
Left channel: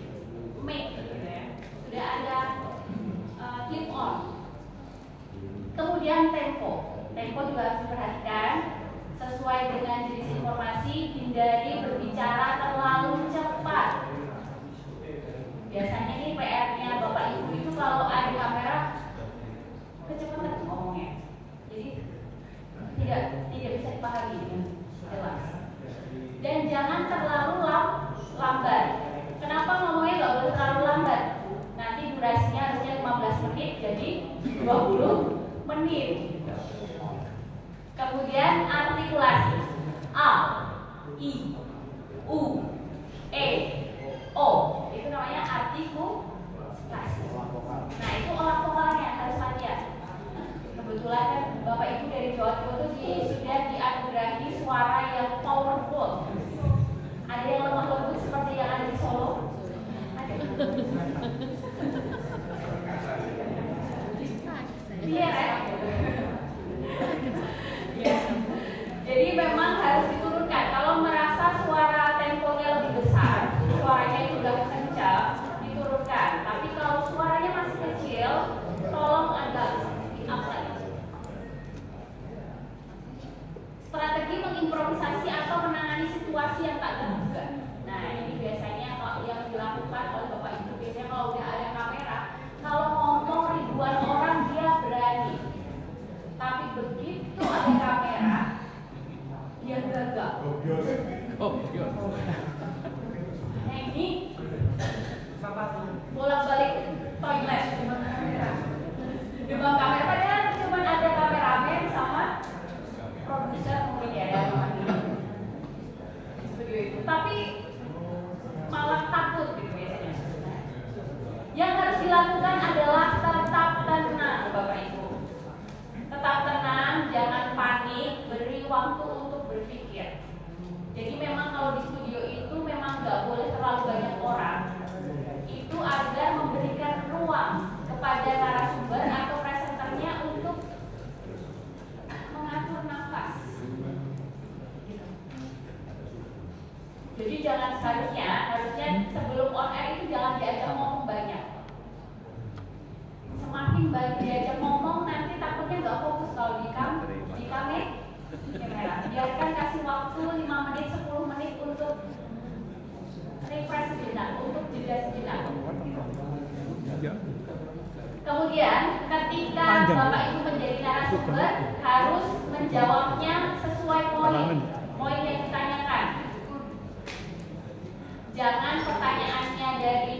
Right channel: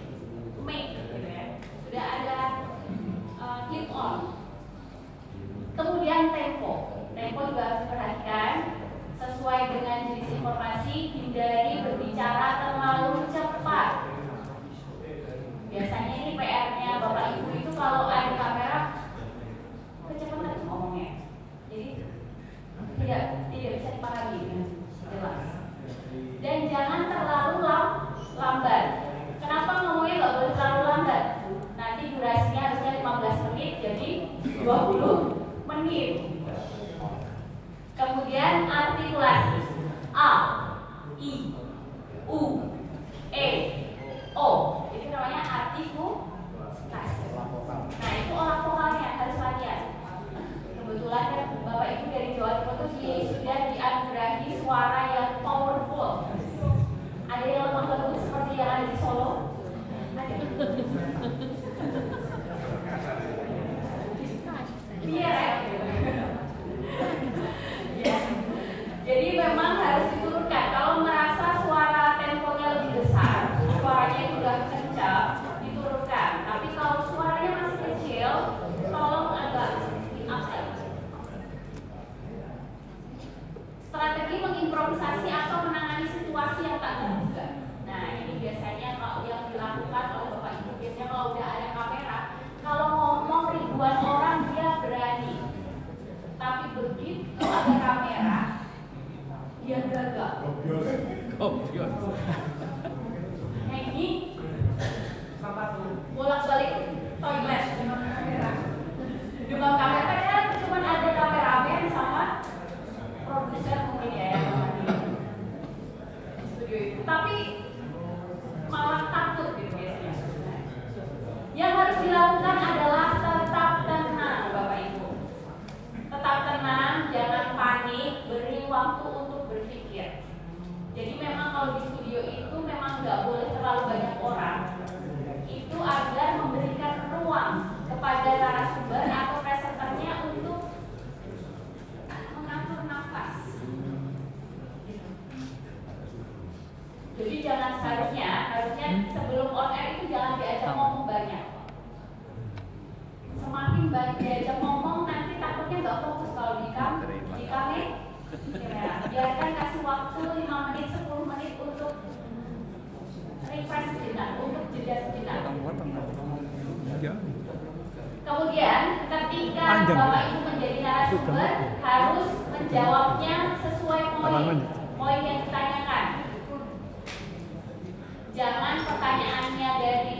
mic gitu ya. Sudah ada clip on. Kemudian tempo. Tempo juga harus diperhatikan sesuai dengan jenis informasi, hindari berbicara terlalu cepat. Biasanya ini PR-nya Bapak Ibu itu kalau ada kamera kecepatan ngomongnya, jadi tidak bisa dipahami jelas. Dan jangan terlalu lambat. Kenapa ngomongnya nggak boleh terlalu lambat? Nanti durasinya harusnya 15 menit jadi 20 menit. Kemudian artikulasi A, I, U, E, O, itu namanya artikulasi. Nah itu olah vokalnya harus latihan. Kebetulan kan Bapak Ibu dari Jawa Timur itu sudah dianugerahi suara yang powerful. Ada yang lemah lembut seperti yang ada di Solo. Biar ya. Jadi memang harus diturunkan. Kalau merasa suara temponya lebih besar, suaranya itu udah kencang, diturunkan. Tapi kalau suaranya masih kecil, tolong agak di-up lagi. Strategi mengimprovisasi atau menangani situasi yang tak terduga. Nah ini biasanya kalau yang dilakukan oleh Bapak Ibu, biasanya kalau udah ada kamera, kalau ngomong ribuan orang dia berani. Tapi begitu ada kamera, dia gagal. Nah ini bolak-balik toilet dengan kamera. Dengan kamera padahal cuma ada kameramen sama produser mungkin ya yang di studio itu. Tapi malah takut gitu biasanya. Yang harus dilakukan adalah tetap tenang Bapak Ibu. Tetap tenang, jangan panik, beri waktu untuk berpikir. Jadi memang kalau di studio itu memang nggak boleh terlalu banyak orang. Itu agar memberikan ruang kepada narasumber atau presenternya untuk mengatur nafas. Jadi jangan harusnya sebelum on air itu jangan diajak ngomong banyak. Semakin banyak diajak ngomong nanti takutnya nggak fokus kalau di kamera. Biarkan kasih waktu 5 menit 10 menit untuk refresh sejenak, untuk jeda sejenak. Kemudian ketika Bapak Ibu menjadi narasumber harus menjawabnya sesuai poin yang ditanyakan. Jangan pertanyaannya dari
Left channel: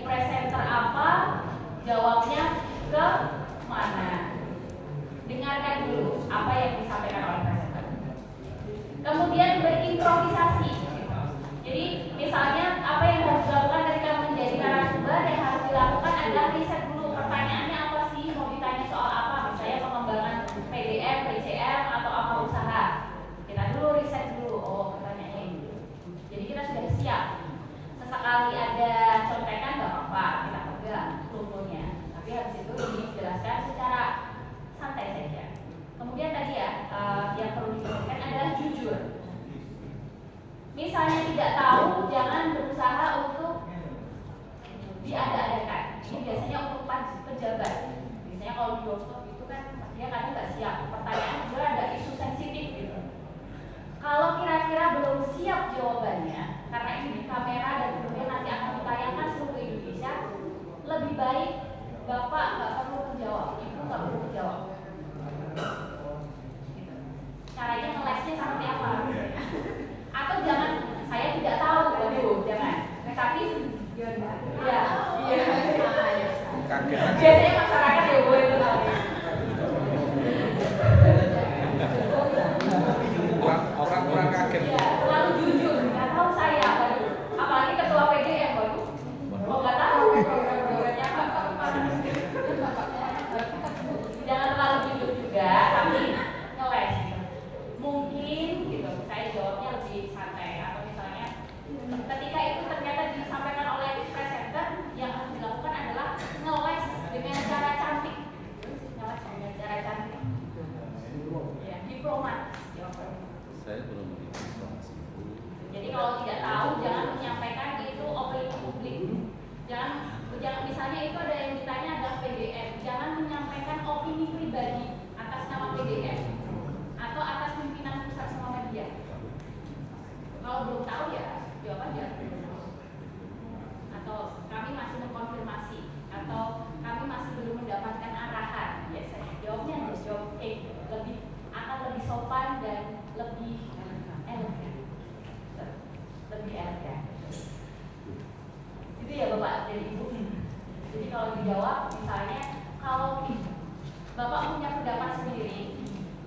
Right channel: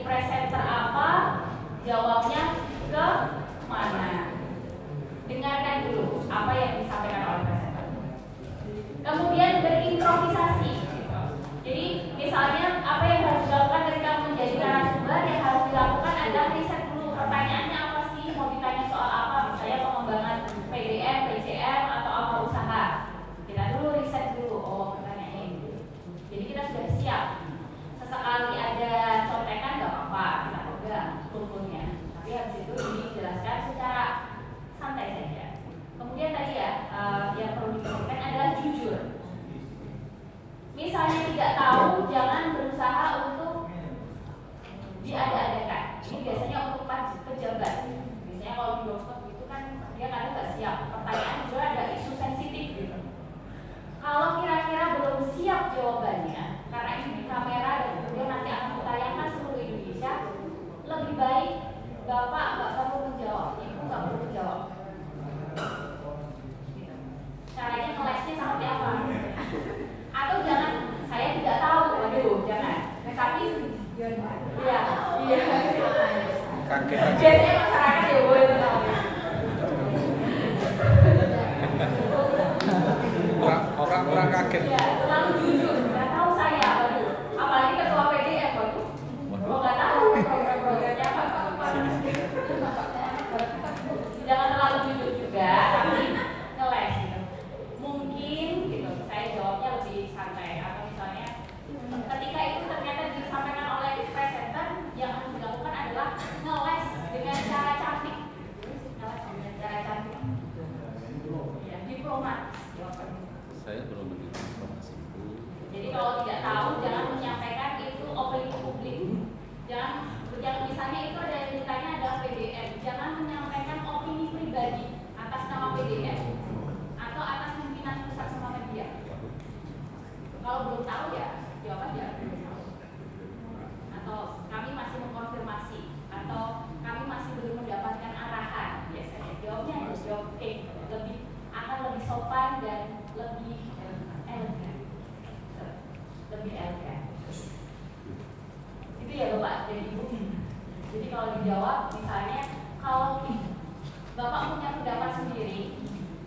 tahu ya jawab aja. Atau kami masih mengkonfirmasi, atau kami masih belum mendapatkan arahan. Biasanya jawabnya harus jawab akan lebih sopan dan lebih elegan. Lebih elegan. Itu ya Bapak dan Ibu. Jadi kalau dijawab, misalnya kalau Bapak punya pendapat sendiri,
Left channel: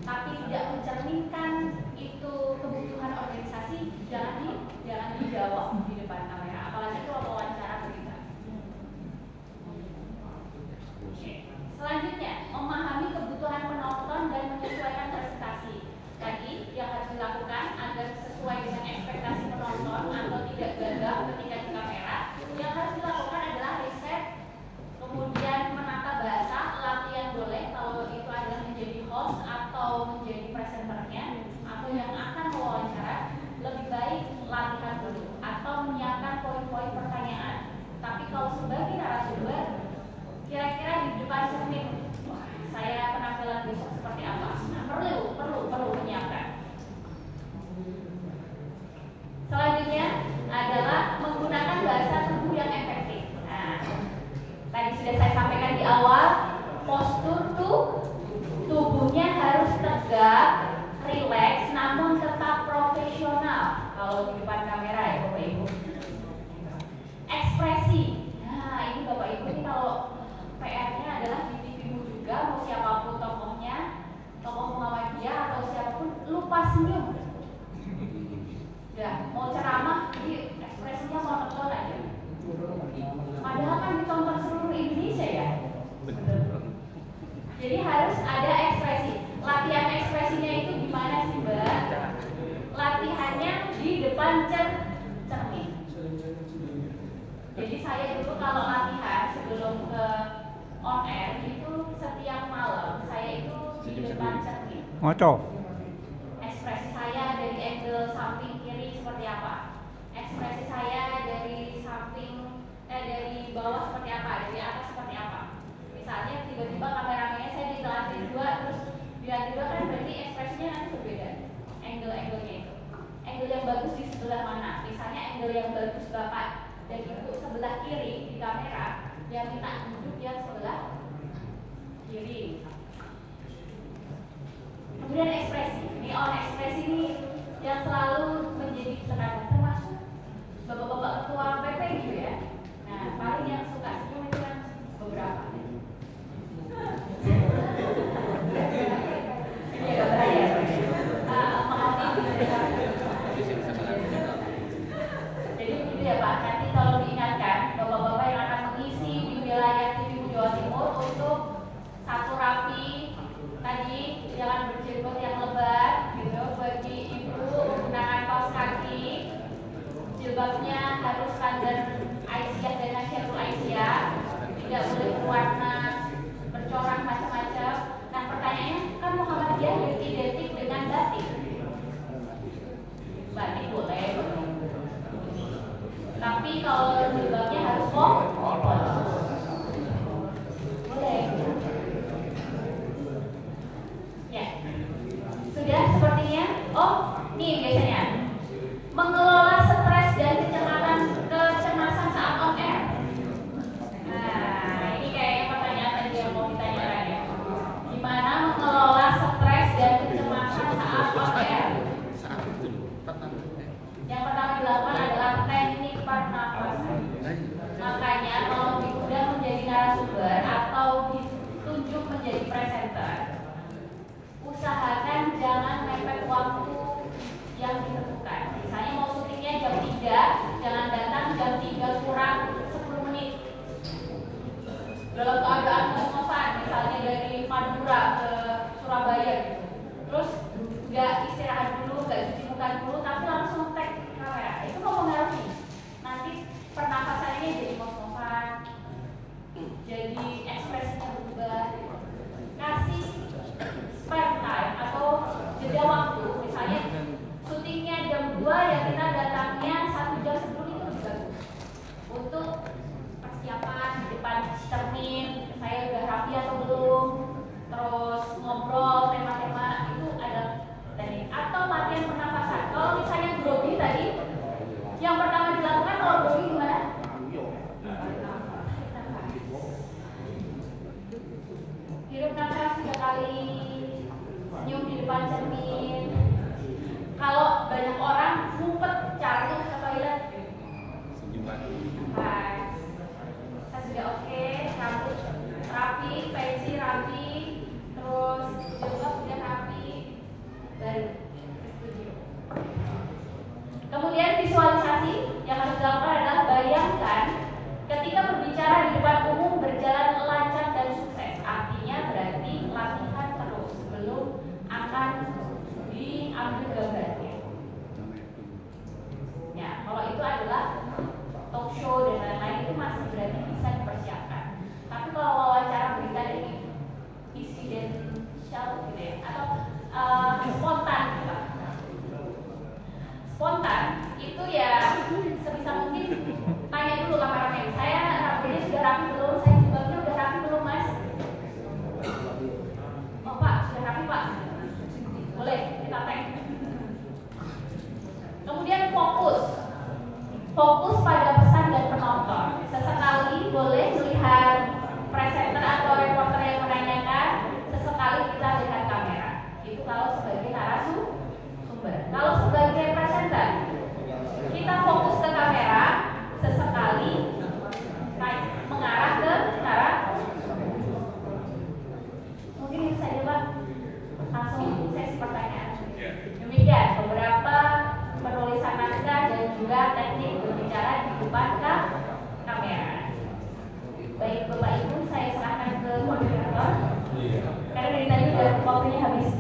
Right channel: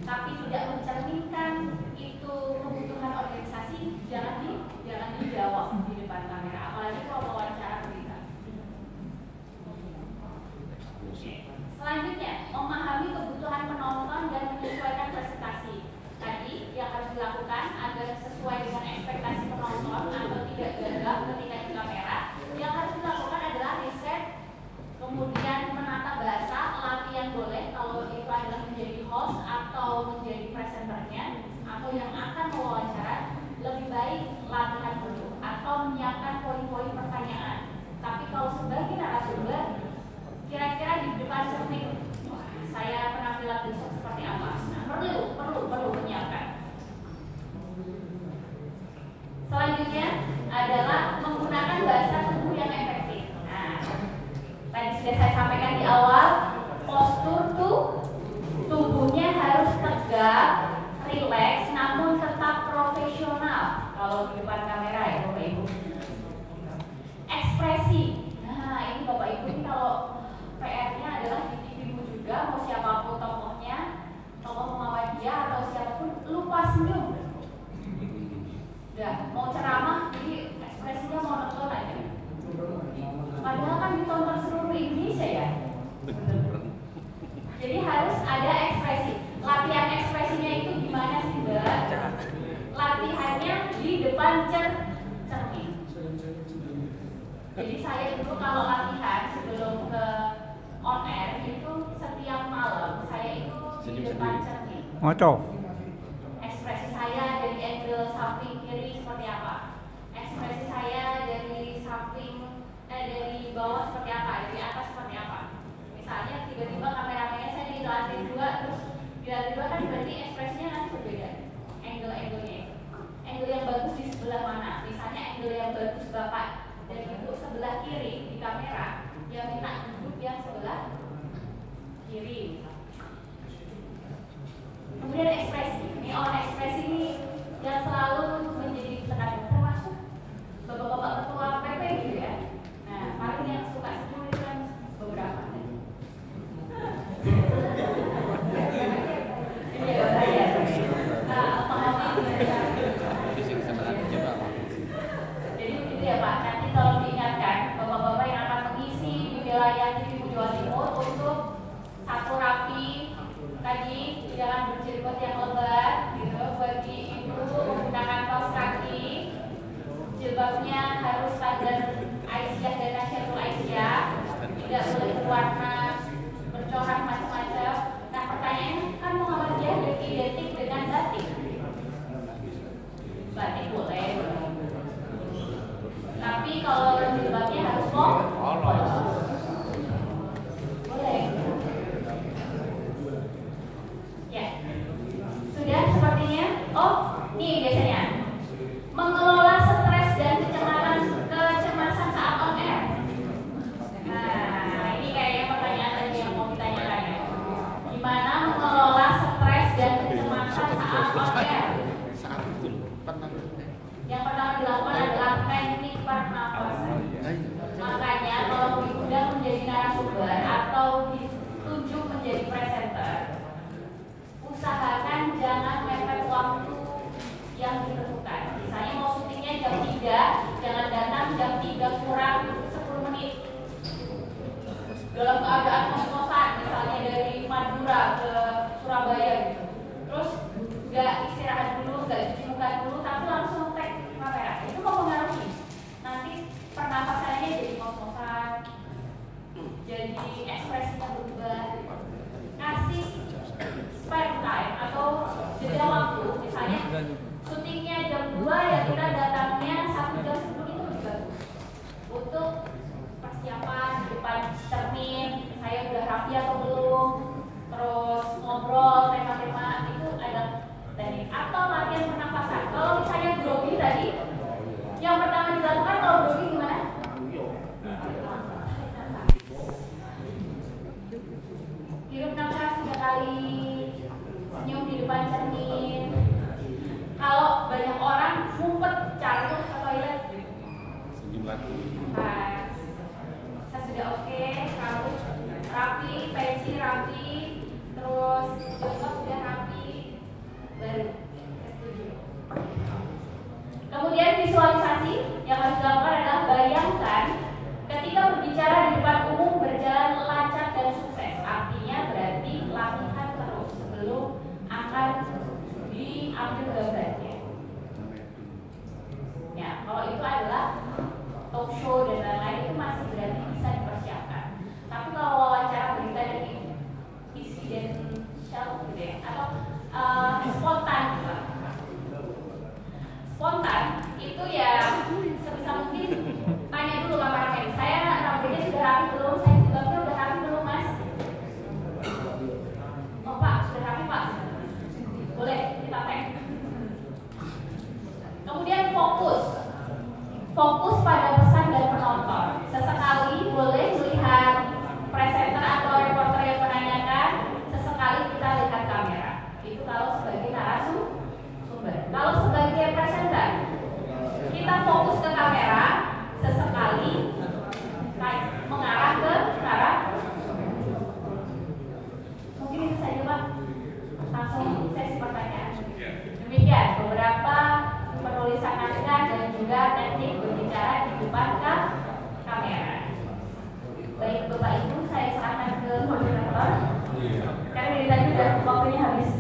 tapi tidak mencerminkan itu kebutuhan organisasi, jangan dijawab di depan kamera, apalagi kalau wawancara berita. Selanjutnya, memahami kebutuhan penonton dan menyesuaikan presentasi. Tadi yang harus dilakukan agar sesuai dengan ekspektasi penonton atau tidak gagal ketika di kamera, yang harus dilakukan adalah riset, kemudian menata bahasa, latihan boleh kalau itu adalah menjadi host atau menjadi presenternya atau yang akan mewawancara, lebih baik latihan dulu atau menyiapkan poin-poin pertanyaan. Tapi kalau sebagai narasumber, kira-kira di depan cermin saya penampilan besok seperti apa? Nah, perlu menyiapkan. Selanjutnya adalah menggunakan bahasa tubuh yang efektif. Nah, tadi sudah saya sampaikan di awal, postur tubuhnya harus tegak, rileks, namun tetap profesional kalau di depan kamera ya Bapak Ibu. Ekspresi. Nah, ini Bapak Ibu ini kalau PR-nya adalah di TV-mu juga, mau siapapun tokohnya, tokoh Muhammadiyah atau siapapun, lupa senyum. Udah, mau ceramah, jadi ekspresinya monoton aja. Padahal kan ditonton seluruh Indonesia ya. Jadi harus ada ekspresi. Latihan ekspresinya itu gimana sih Mbak? Latihannya di depan cermin. Jadi saya dulu kalau latihan sebelum ke on air itu setiap malam saya itu di depan cermin. Ngaco. Ekspresi saya dari angle samping kiri seperti apa? Ekspresi saya dari dari bawah seperti apa? Dari atas seperti apa? Misalnya tiba-tiba kameramennya saya di lantai 2, terus di lantai 2 kan berarti ekspresinya nanti berbeda. Angle-angle-nya itu. Angle yang bagus di sebelah mana? Misalnya angle yang bagus Bapak dan Ibu sebelah kiri di kamera, yang minta duduk yang sebelah kiri. Kemudian ekspresi, ekspresi ini yang selalu menjadi tekanan, termasuk bapak-bapak ketua PP gitu ya. Nah, paling yang suka senyum itu kan beberapa. Ini ya, jadi gitu ya Pak, nanti tolong diingatkan bapak-bapak yang akan mengisi di wilayah TV Jawa Timur untuk satu rapi tadi, jangan berjenggot yang lebat gitu. Bagi ibu menggunakan kaos kaki, jilbabnya harus standar Aisyah dan Nasyatul Aisyah, tidak boleh berwarna bercorak macam-macam. Nah pertanyaannya kan Muhammadiyah identik dengan batik. Batik boleh, tapi kalau jilbabnya harus boleh. Ya, sudah sepertinya. Oh, nih biasanya mengelola stres dan kecemasan spontan itu ya sebisa mungkin tanya dulu kameramen, saya rambutnya sudah rapi belum, saya jilbabnya udah rapi belum mas? Oh pak, sudah rapi pak, boleh kita tag. Kemudian fokus pada pesan dan penonton. Sesekali boleh melihat presenter atau reporter yang menanyakan, sesekali kita lihat kamera. Itu kalau sebagai narasumber. Kalau sebagai presenter, kita fokus ke kamera, sesekali mengarah ke narasumber. Mungkin itu saja Pak. Langsung sesi pertanyaan. Demikian beberapa penulisan naskah dan juga teknik berbicara di depan kamera. Baik Bapak Ibu, saya serahkan ke moderator. Karena dari tadi udah waktunya habis.